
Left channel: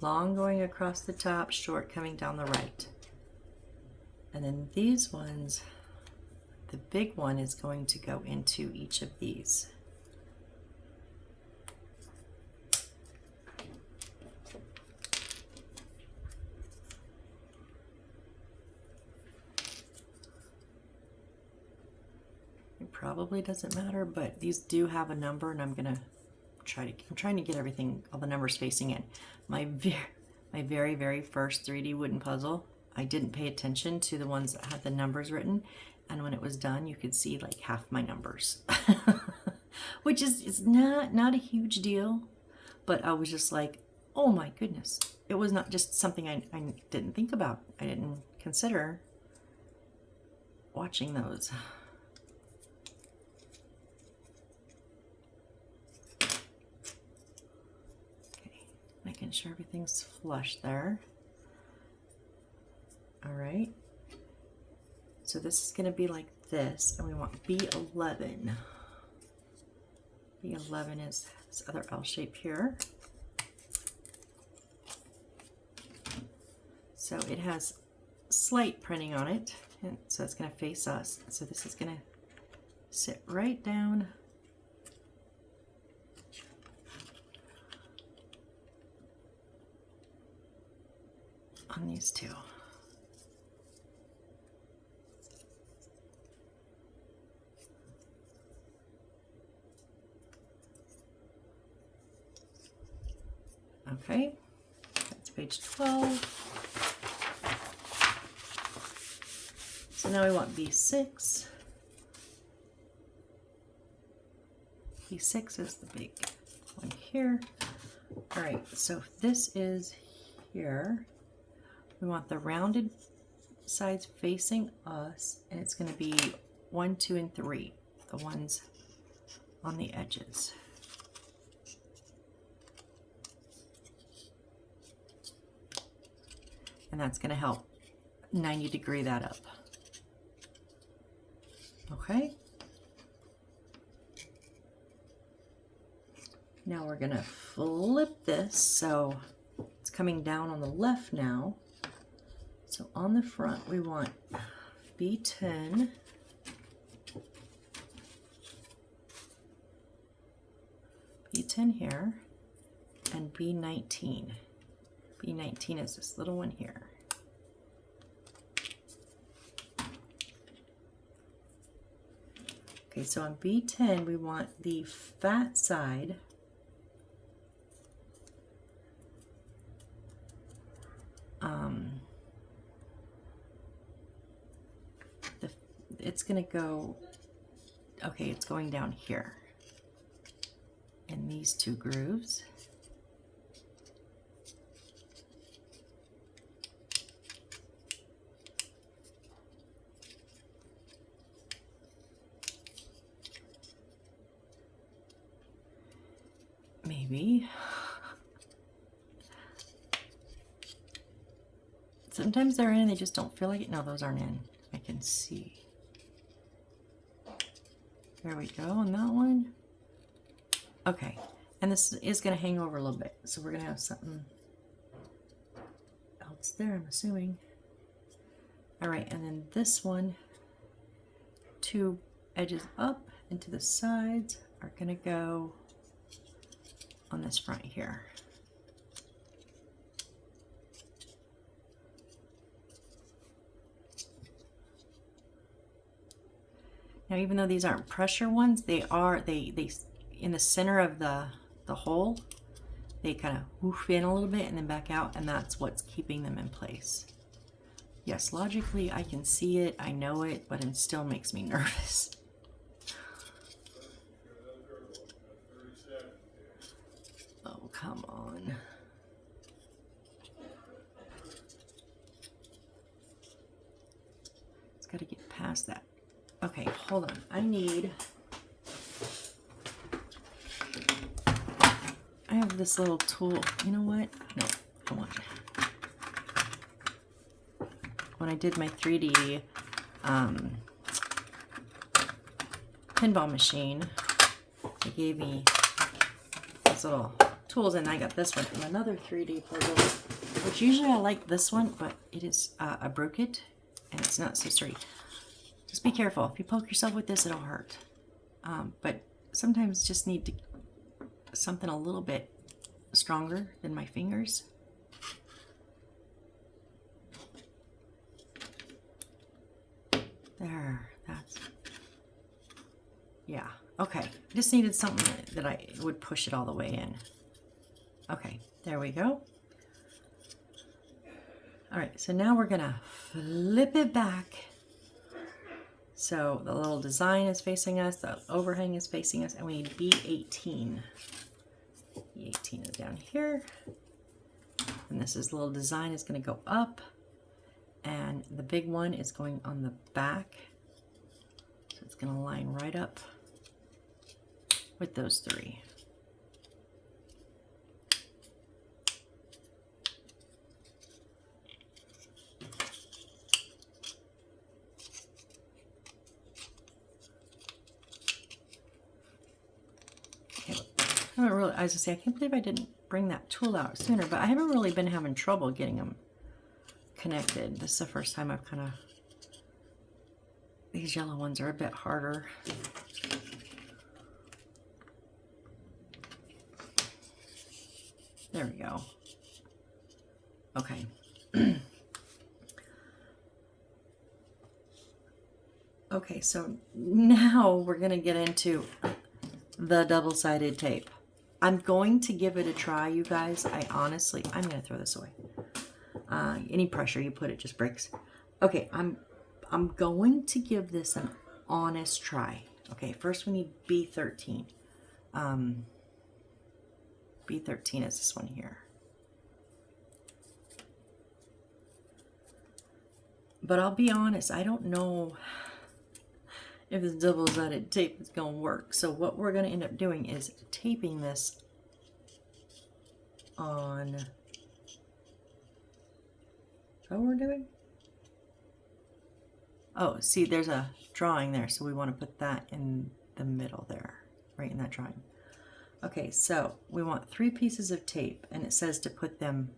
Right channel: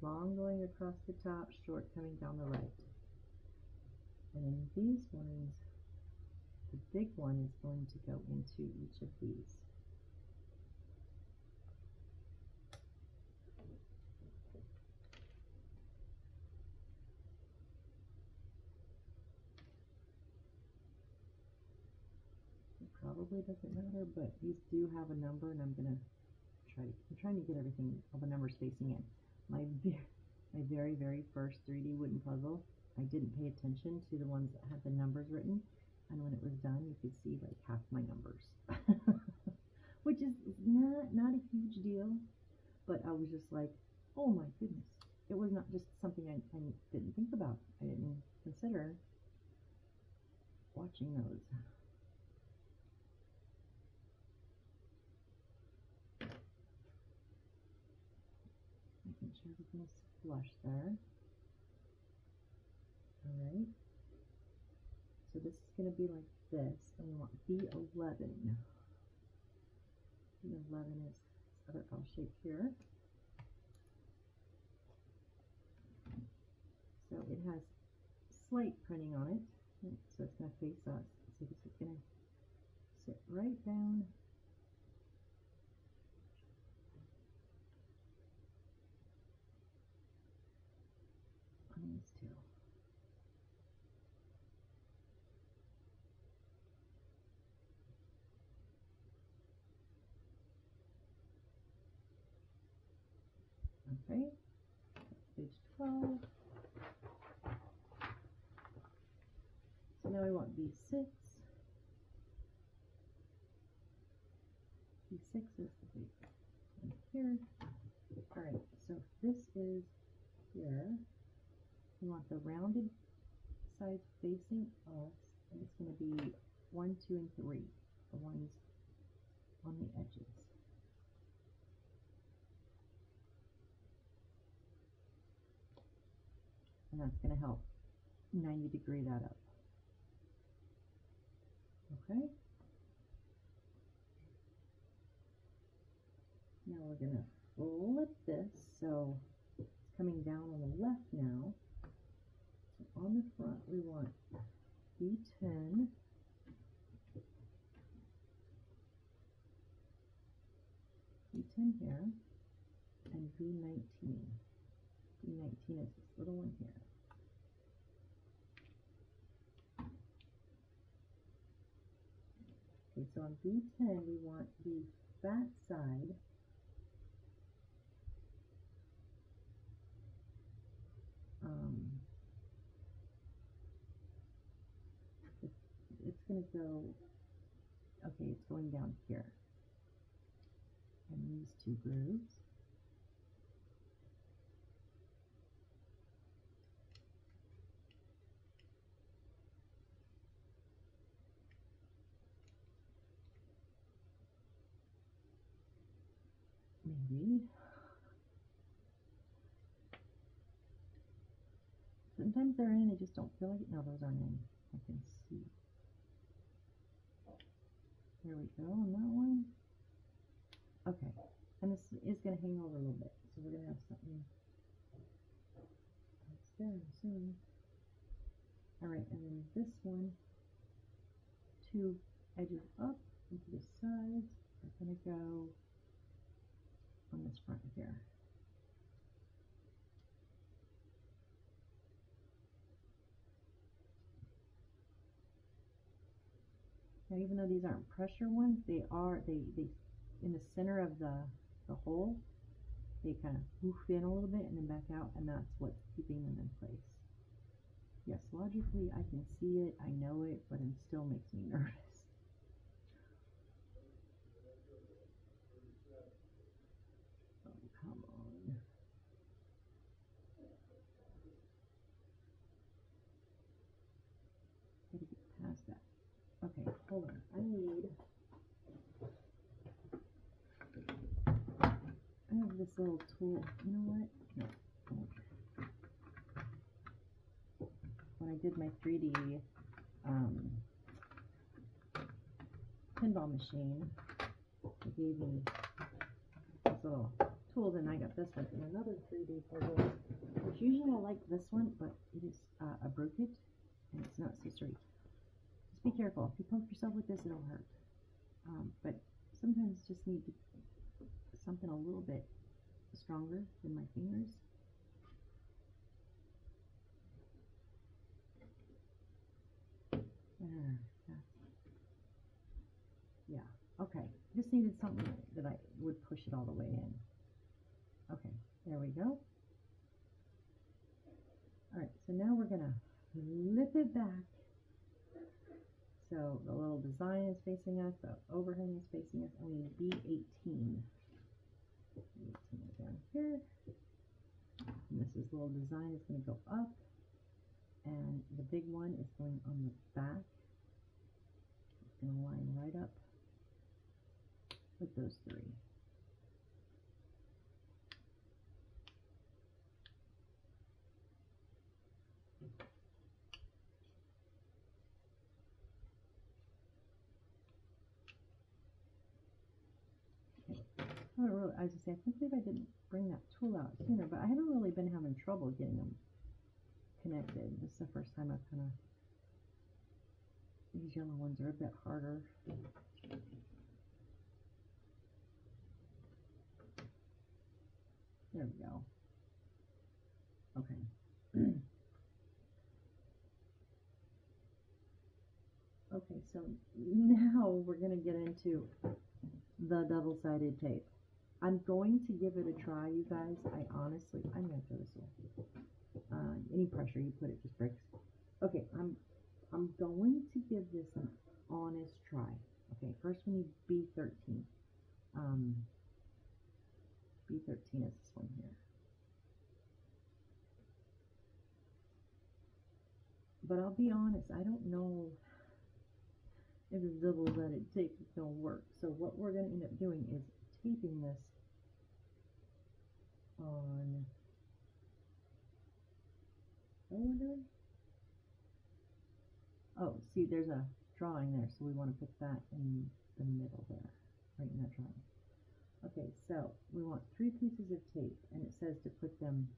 long going across the top, short coming down the right. And then these ones, the big one is going to go into each of these. Probably doesn't matter, but these do have a number, and I'm trying to get everything, all the numbers facing in. My very first 3D wooden puzzle, I didn't pay attention to the ones that had the numbers written, and when it was done, you could see like half my numbers, which is not a huge deal, but I was just like, oh my goodness, it was not just something I didn't think about. I didn't consider watching those. Making sure everything's flush there. All right. So this is going to be like this, and we want B11. B11 is this other L shape here. So it has slight printing on it, and so it's going to face us. So this is going to sit right down on these two. Okay, that's page 12. So now we want B6. B6 is the big one here. All right, so if this is here, we want the rounded sides facing us, and it's going to be 1, 2, and 3, the ones on the edges. And that's going to help 90 degree that up. Okay. Now we're going to flip this so it's coming down on the left now. So on the front, we want B10, B10 here, and B19. B19 is this little one here. Okay, so on B10, we want the fat side it's going to go, okay, it's going down here in these two grooves. Maybe. Sometimes they're in, they just don't feel like it. No, those aren't in. I can see. There we go on that one. Okay, and this is going to hang over a little bit, so we're going to have something else there, I'm assuming. All right, and then this one, 2 edges up into the sides are going to go on this front here. Now, even though these aren't pressure ones, they are, they in the center of the hole, they kind of woof in a little bit and then back out, and that's what's keeping them in place. Yes, logically I can see it, I know it, but it still makes me nervous. Oh, come on. It's got to get past that. Okay, hold on. I have this little tool. You know what? No, come on. When I did my 3D pinball machine, they gave me these little tools, and I got this one from another 3D puzzle, which usually I like this one, but it is a brookit, and it's not so sturdy. Just be careful. If you poke yourself with this, it'll hurt. But sometimes just need to something a little bit stronger than my fingers. There, that's, yeah, okay. Just needed something that I would push it all the way in. Okay, there we go. All right, so now we're gonna flip it back. So the little design is facing us, the overhang is facing us, and we need B18. B18 is down here. And this is little design is gonna go up, and the big one is going on the back. So it's gonna line right up with those three. I haven't really, I was gonna say, I can't believe I didn't bring that tool out sooner, but I haven't really been having trouble getting them connected. This is the first time I've kind of, these yellow ones are a bit harder. There we go. Okay. Okay, so now we're gonna get into the double-sided tape. I'm going to give it a try, you guys. I'm gonna throw this away. Any pressure you put, it just breaks. Okay, I'm going to give this an honest try. Okay, first we need B13. B13 is this one here. But I'll be honest, I don't know if this double-sided tape is going to work. So what we're going to end up doing is taping this on, is that what we're doing? Oh, see, there's a drawing there, so we want to put that in the middle there, right in that drawing. Okay, so we want 3 pieces of tape, and it says to put them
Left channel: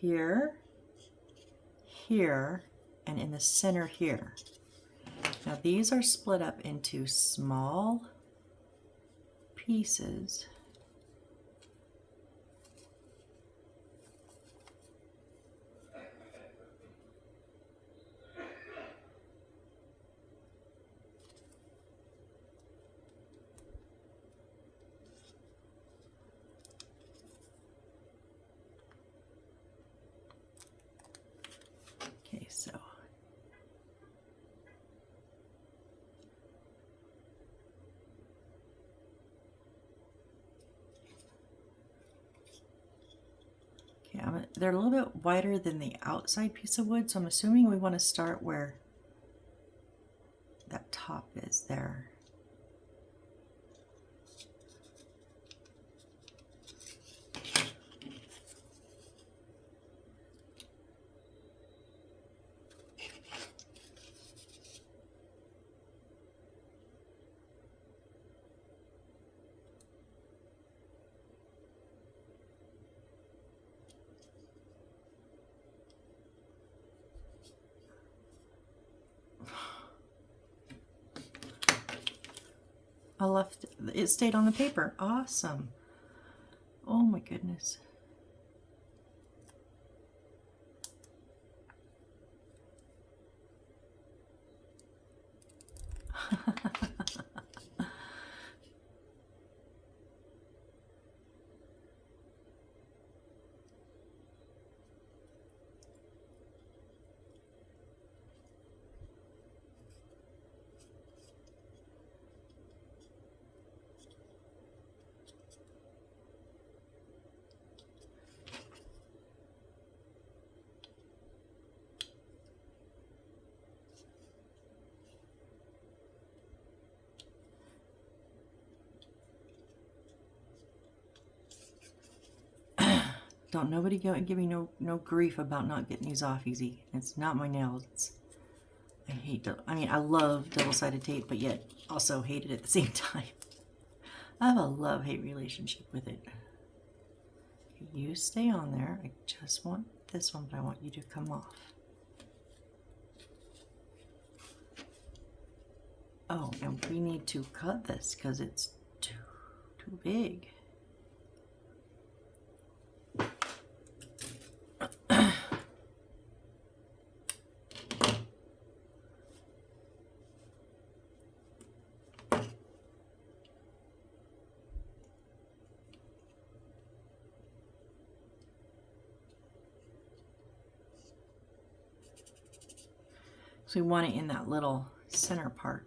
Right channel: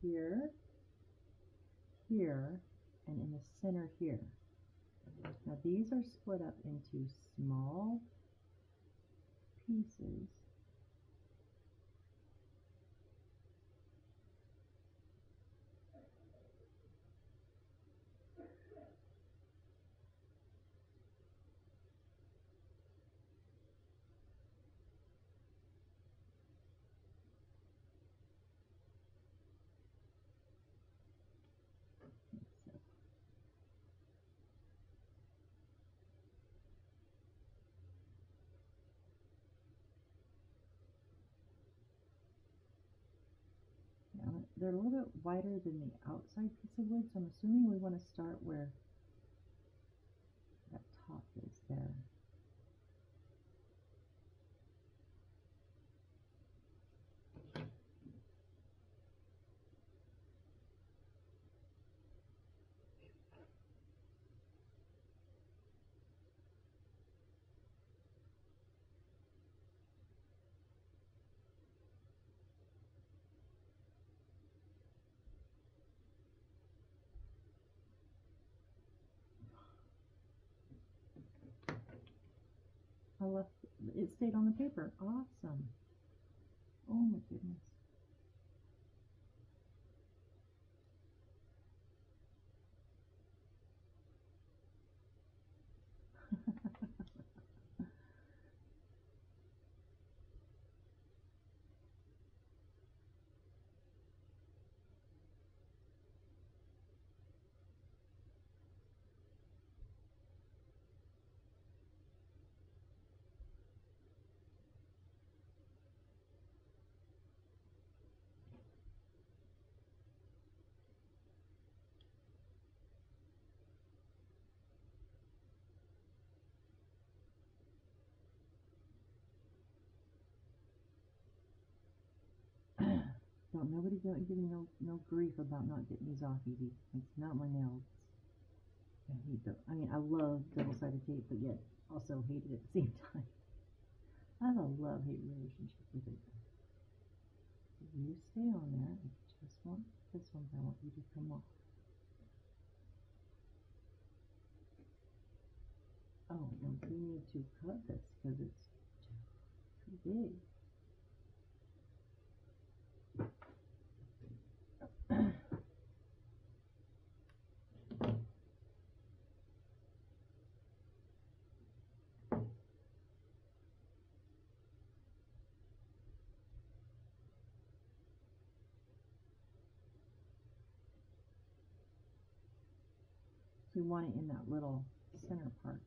here, here, and in the center here. Now these are split up into small pieces. Okay, so they're a little bit wider than the outside piece of wood, so I'm assuming we want to start where that top is there. It stayed on the paper. Awesome. Oh my goodness. Don't nobody go and give me no grief about not getting these off easy. It's not my nails. I hate I mean, I love double-sided tape, but yet also hate it at the same time. I have a love-hate relationship with it. You stay on there. I just want this one, but I want you to come off. Oh, and we need to cut this because it's too big. So we want it in that little center part.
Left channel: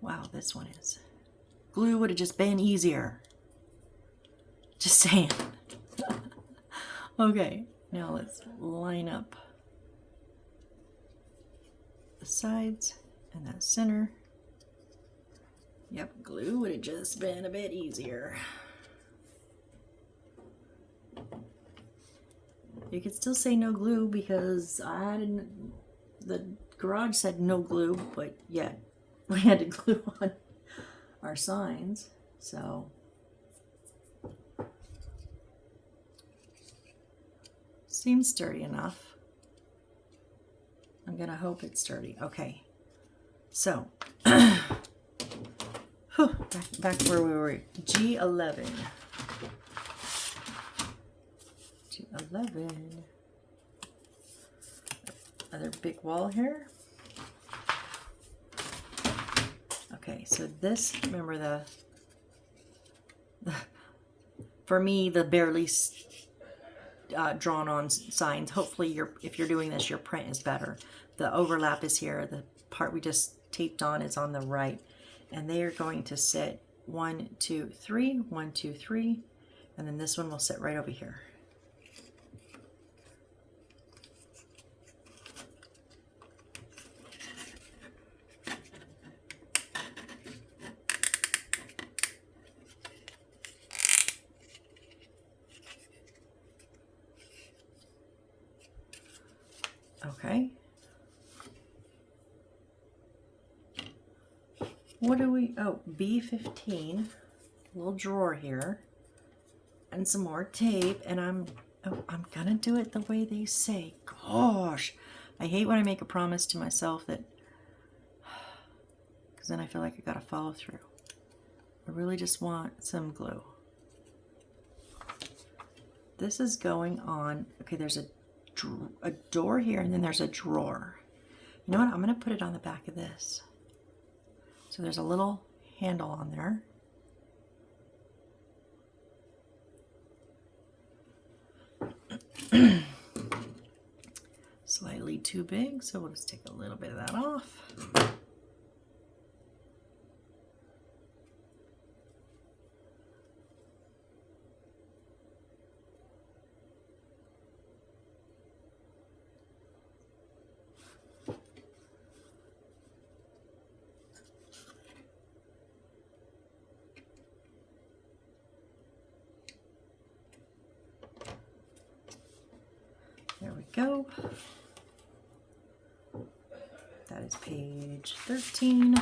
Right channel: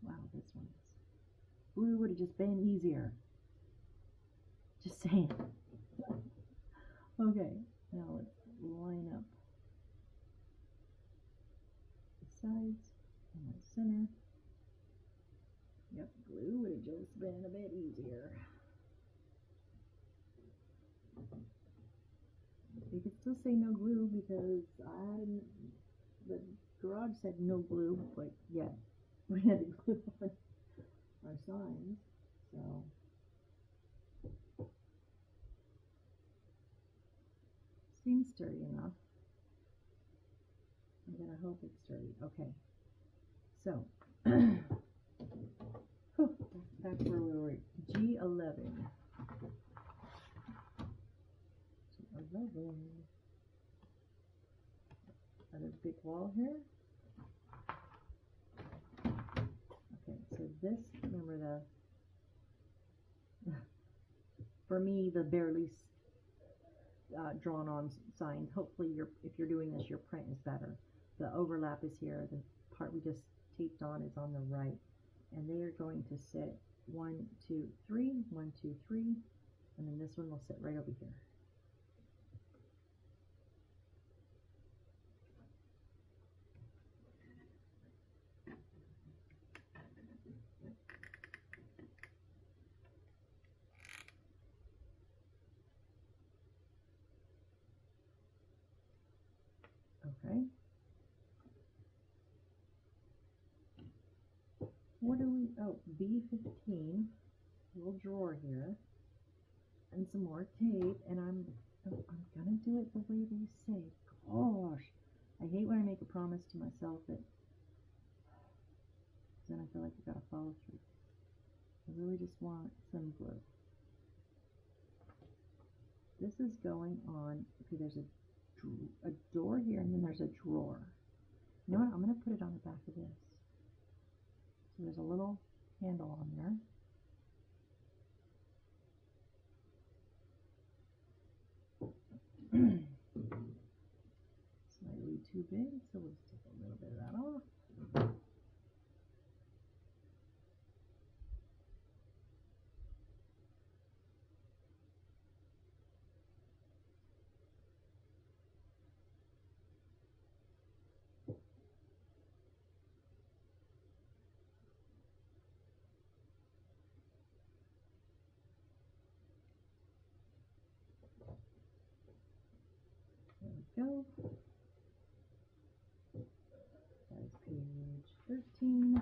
Wow, this one is. Glue would have just been easier. Just saying. Okay, now let's line up the sides and that center. Yep, glue would have just been a bit easier. You could still say no glue because the garage said no glue, but yet we had to glue on our signs, so. Seems sturdy enough. I'm gonna hope it's sturdy. Okay, so back where we were. G11. G11. Another big wall here. Okay, so this, remember the for me, the barely drawn on signs. Hopefully if you're doing this, your print is better. The overlap is here. The part we just taped on is on the right. And they are going to sit 1, 2, 3, 1, 2, 3, and then this one will sit right over here. Okay. What do we, oh, B15, little drawer here, and some more tape, and I'm gonna do it the way they say. Gosh, I hate when I make a promise to myself that, because then I feel like I gotta follow through. I really just want some glue. This is going on, okay, there's a door here, and then there's a drawer. You know what, I'm gonna put it on the back of this. So there's a little handle on there. Slightly too big, so we'll just take a little bit of that off. There we go. That is page 13.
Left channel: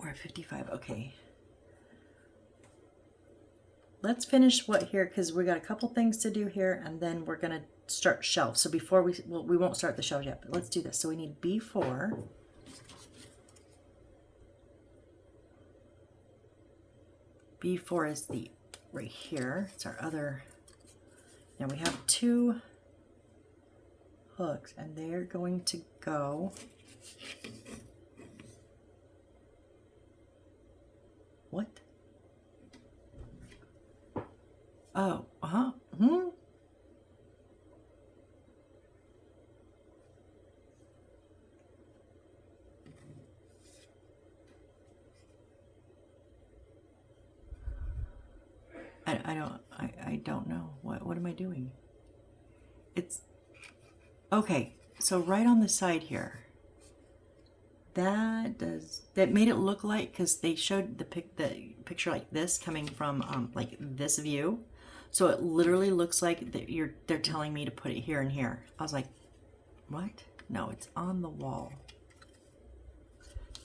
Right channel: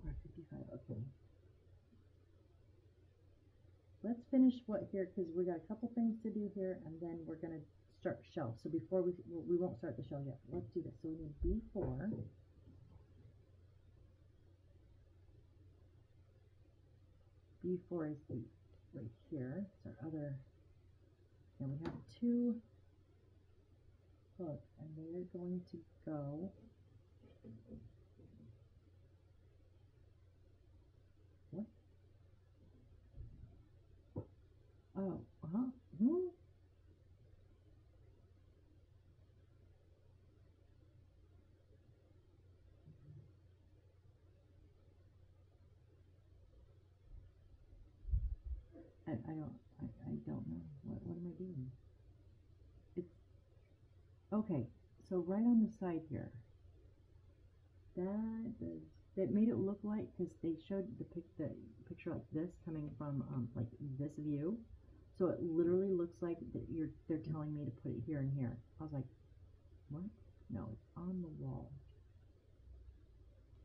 We're at 55, okay. Let's finish what here, because we got a couple things to do here, and then we're gonna start shelves. So before we won't start the shelves yet, but let's do this. So we need B4. B4 is the right here. It's our other. Now we have 2 hooks, and they're going to go what? Oh, I don't know. What am I doing? It's okay. So right on the side here, that made it look like, because they showed the picture like this coming from like this view, so it literally looks like that they're telling me to put it here and here. I was like, what? No, it's on the wall.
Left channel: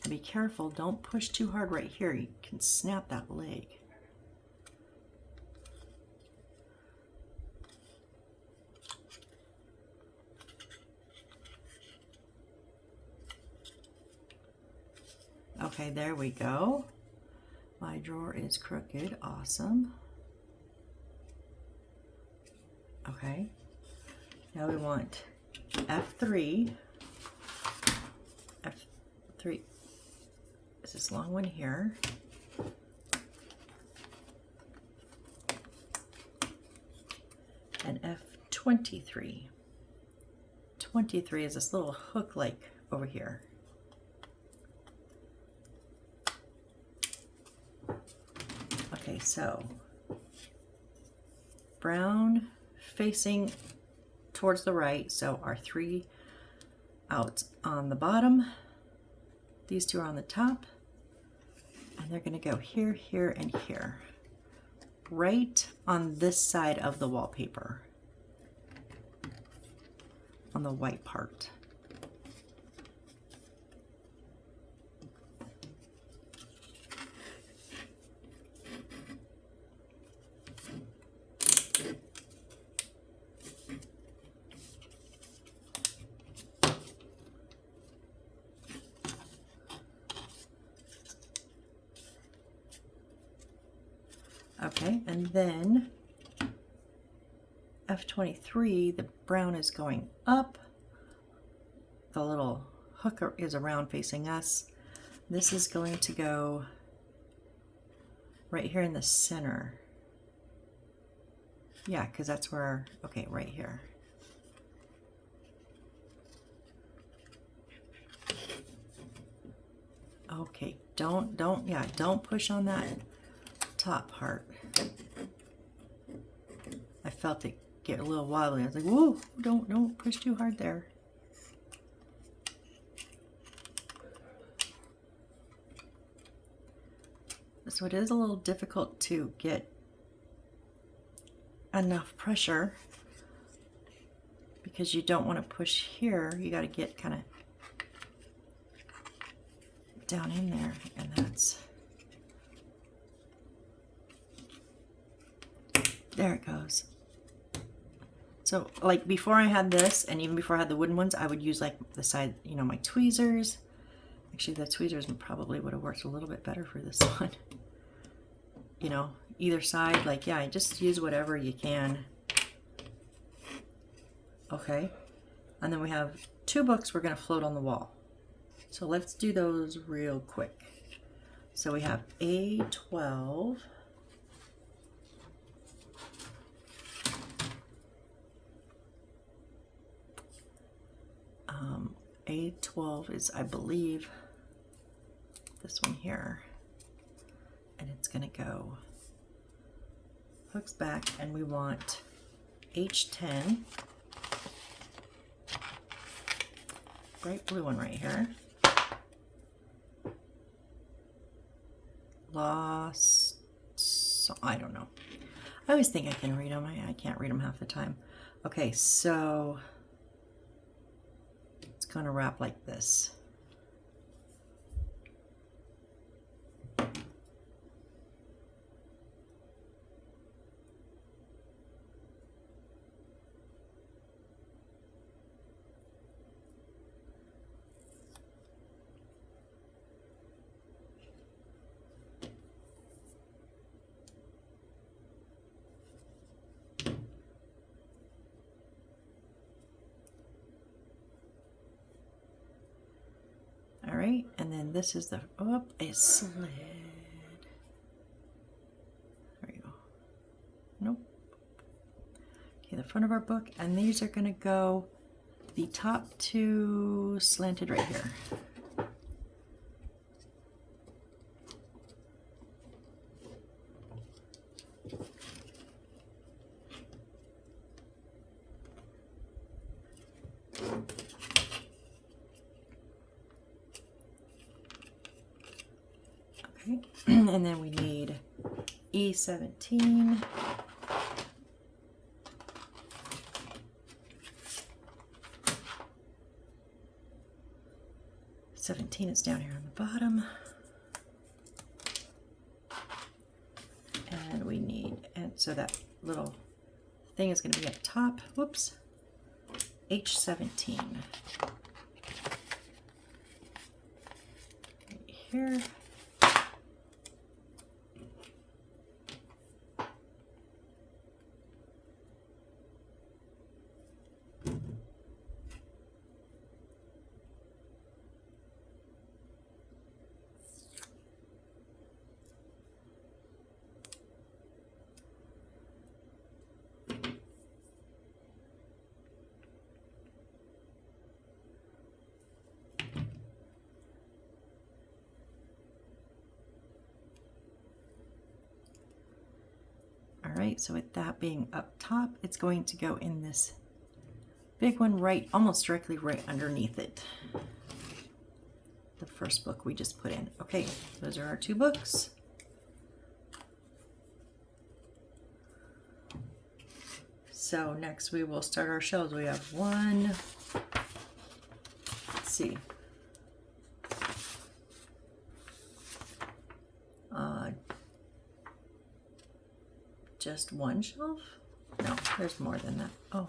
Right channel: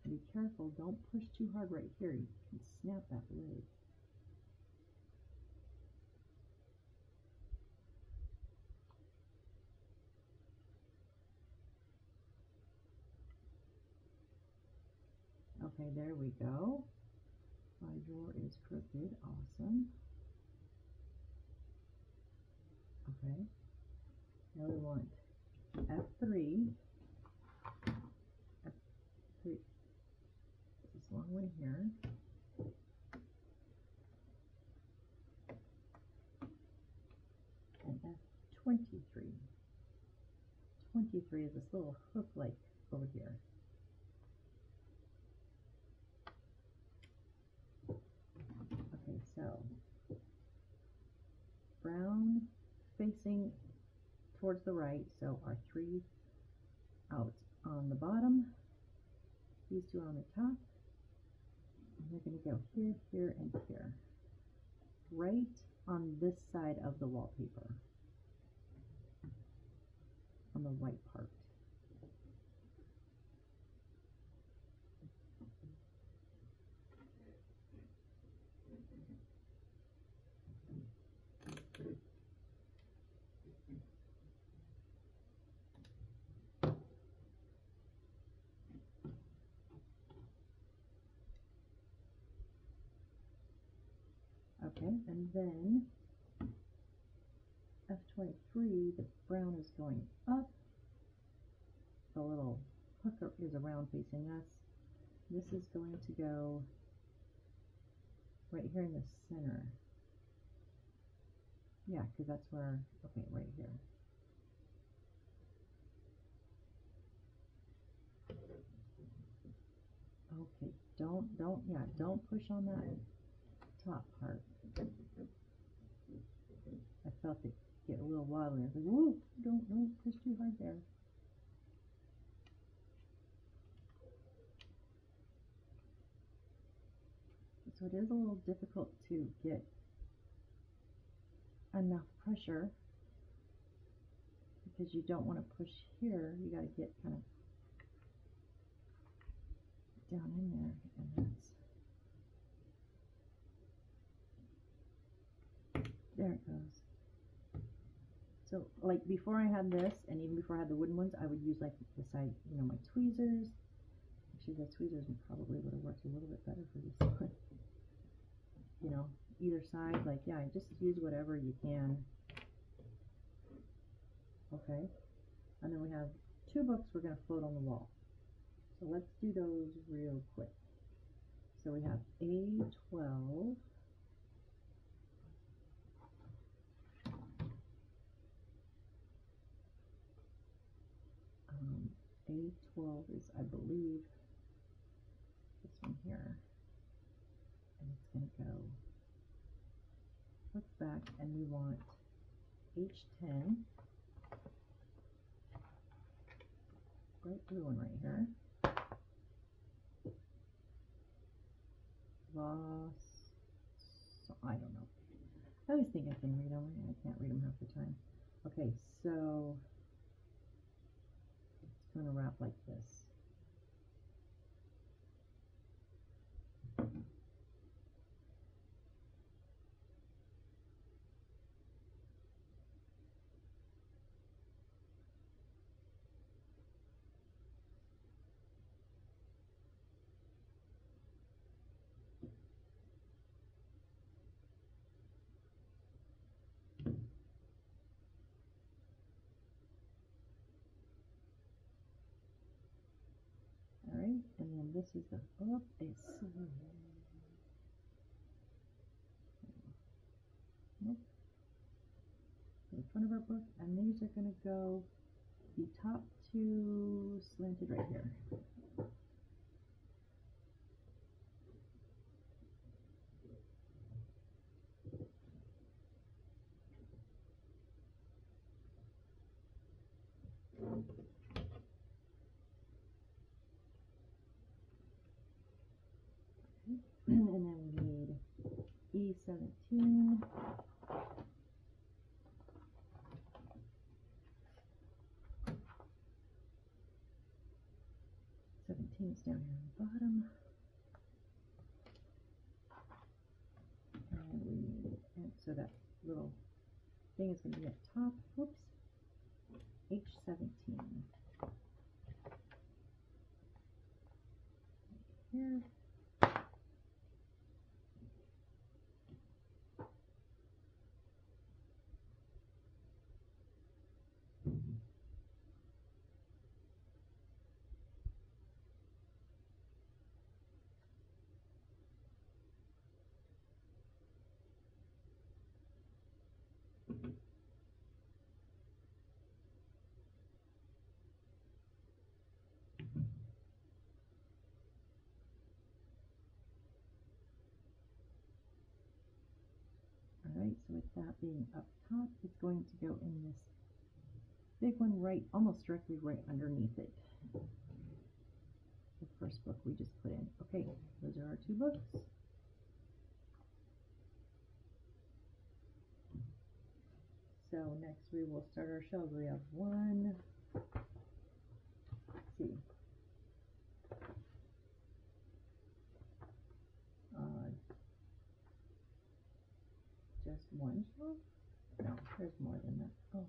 And be careful, don't push too hard right here. You can snap that leg. Okay, there we go. My drawer is crooked. Awesome. Okay. Now we want F3. F3 is this long one here. And F23. 23 is this little hook like over here. Okay, so brown facing towards the right, so our 3 out on the bottom, these 2 are on the top, and they're going to go here, here, and here, right on this side of the wallpaper, on the white part. Okay, and then F23, the brown is going up. The little hook is around facing us. This is going to go right here in the center. Yeah, because that's where, okay, right here. Okay, don't push on that top part. I felt it get a little wobbly. I was like, whoa, don't push too hard there. So it is a little difficult to get enough pressure because you don't want to push here. You got to get kind of down in there, and that's, there it goes. So like before I had this, and even before I had the wooden ones, I would use like the side, you know, my tweezers. Actually, the tweezers probably would have worked a little bit better for this one. You know, either side, like, yeah, just use whatever you can. Okay, and then we have 2 books we're going to float on the wall. So let's do those real quick. So we have A12. A12 is, I believe, this one here. And it's going to go hooks back, and we want H10. Bright blue one right here. Lost, so I don't know. I always think I can read them. I can't read them half the time. Okay, so it's going to wrap like this. All right, and then this is the, oh, it slid. There you go. Nope. Okay, the front of our book, and these are going to go, the top 2 slanted right here. Okay, and then we need E17. E17 is down here on the bottom. And we need, and so that little thing is going to be at the top. Whoops. H17. Right here. Alright, so with that being up top, it's going to go in this big one right, almost directly right underneath it. The first book we just put in. Okay, those are our 2 books. So next we will start our shelves. We have one, let's see, just one shelf? No, there's more than that. Oh,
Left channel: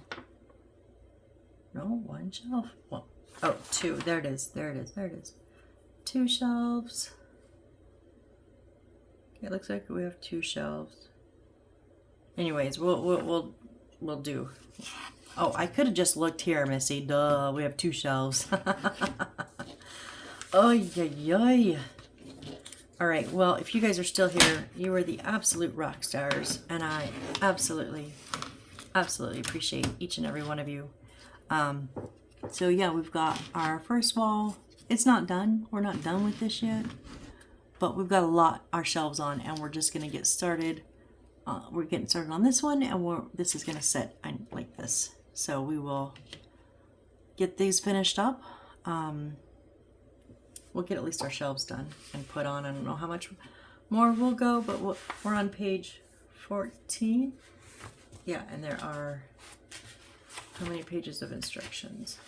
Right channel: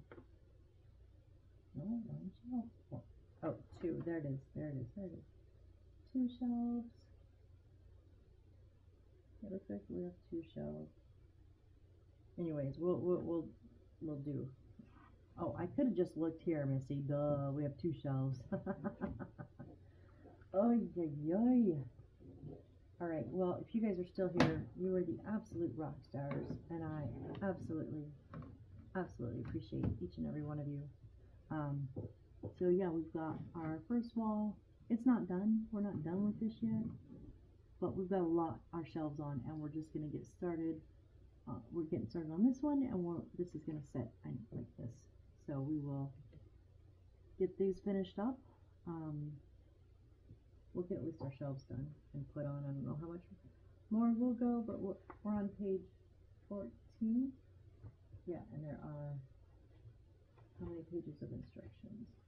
no, one shelf. Well, oh, 2. There it is. There it is. There it is. 2 shelves. Okay, it looks like we have 2 shelves. Anyways, we'll do. Oh, I could have just looked here, Missy. Duh, we have 2 shelves. Oy, oy, oy. All right, well, if you guys are still here, you are the absolute rock stars, and I absolutely, absolutely appreciate each and every one of you. So yeah, we've got our first wall. It's not done. We're not done with this yet, but we've got a lot our shelves on, and we're just gonna get started. We're getting started on this one, and this is gonna set like this. So we will get these finished up. We'll get at least our shelves done and put on. I don't know how much more we'll go, but we're on page 14. Yeah, and there are, how many pages of instructions?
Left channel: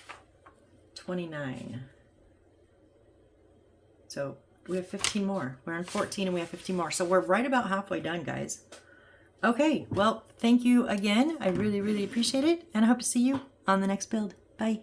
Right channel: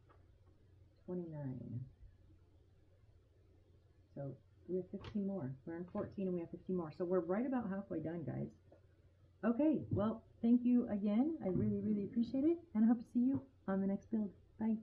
29. So we have 15 more. We're on 14 and we have 15 more. So we're right about halfway done, guys. Okay, well, thank you again. I really, really appreciate it, and I hope to see you on the next build. Bye.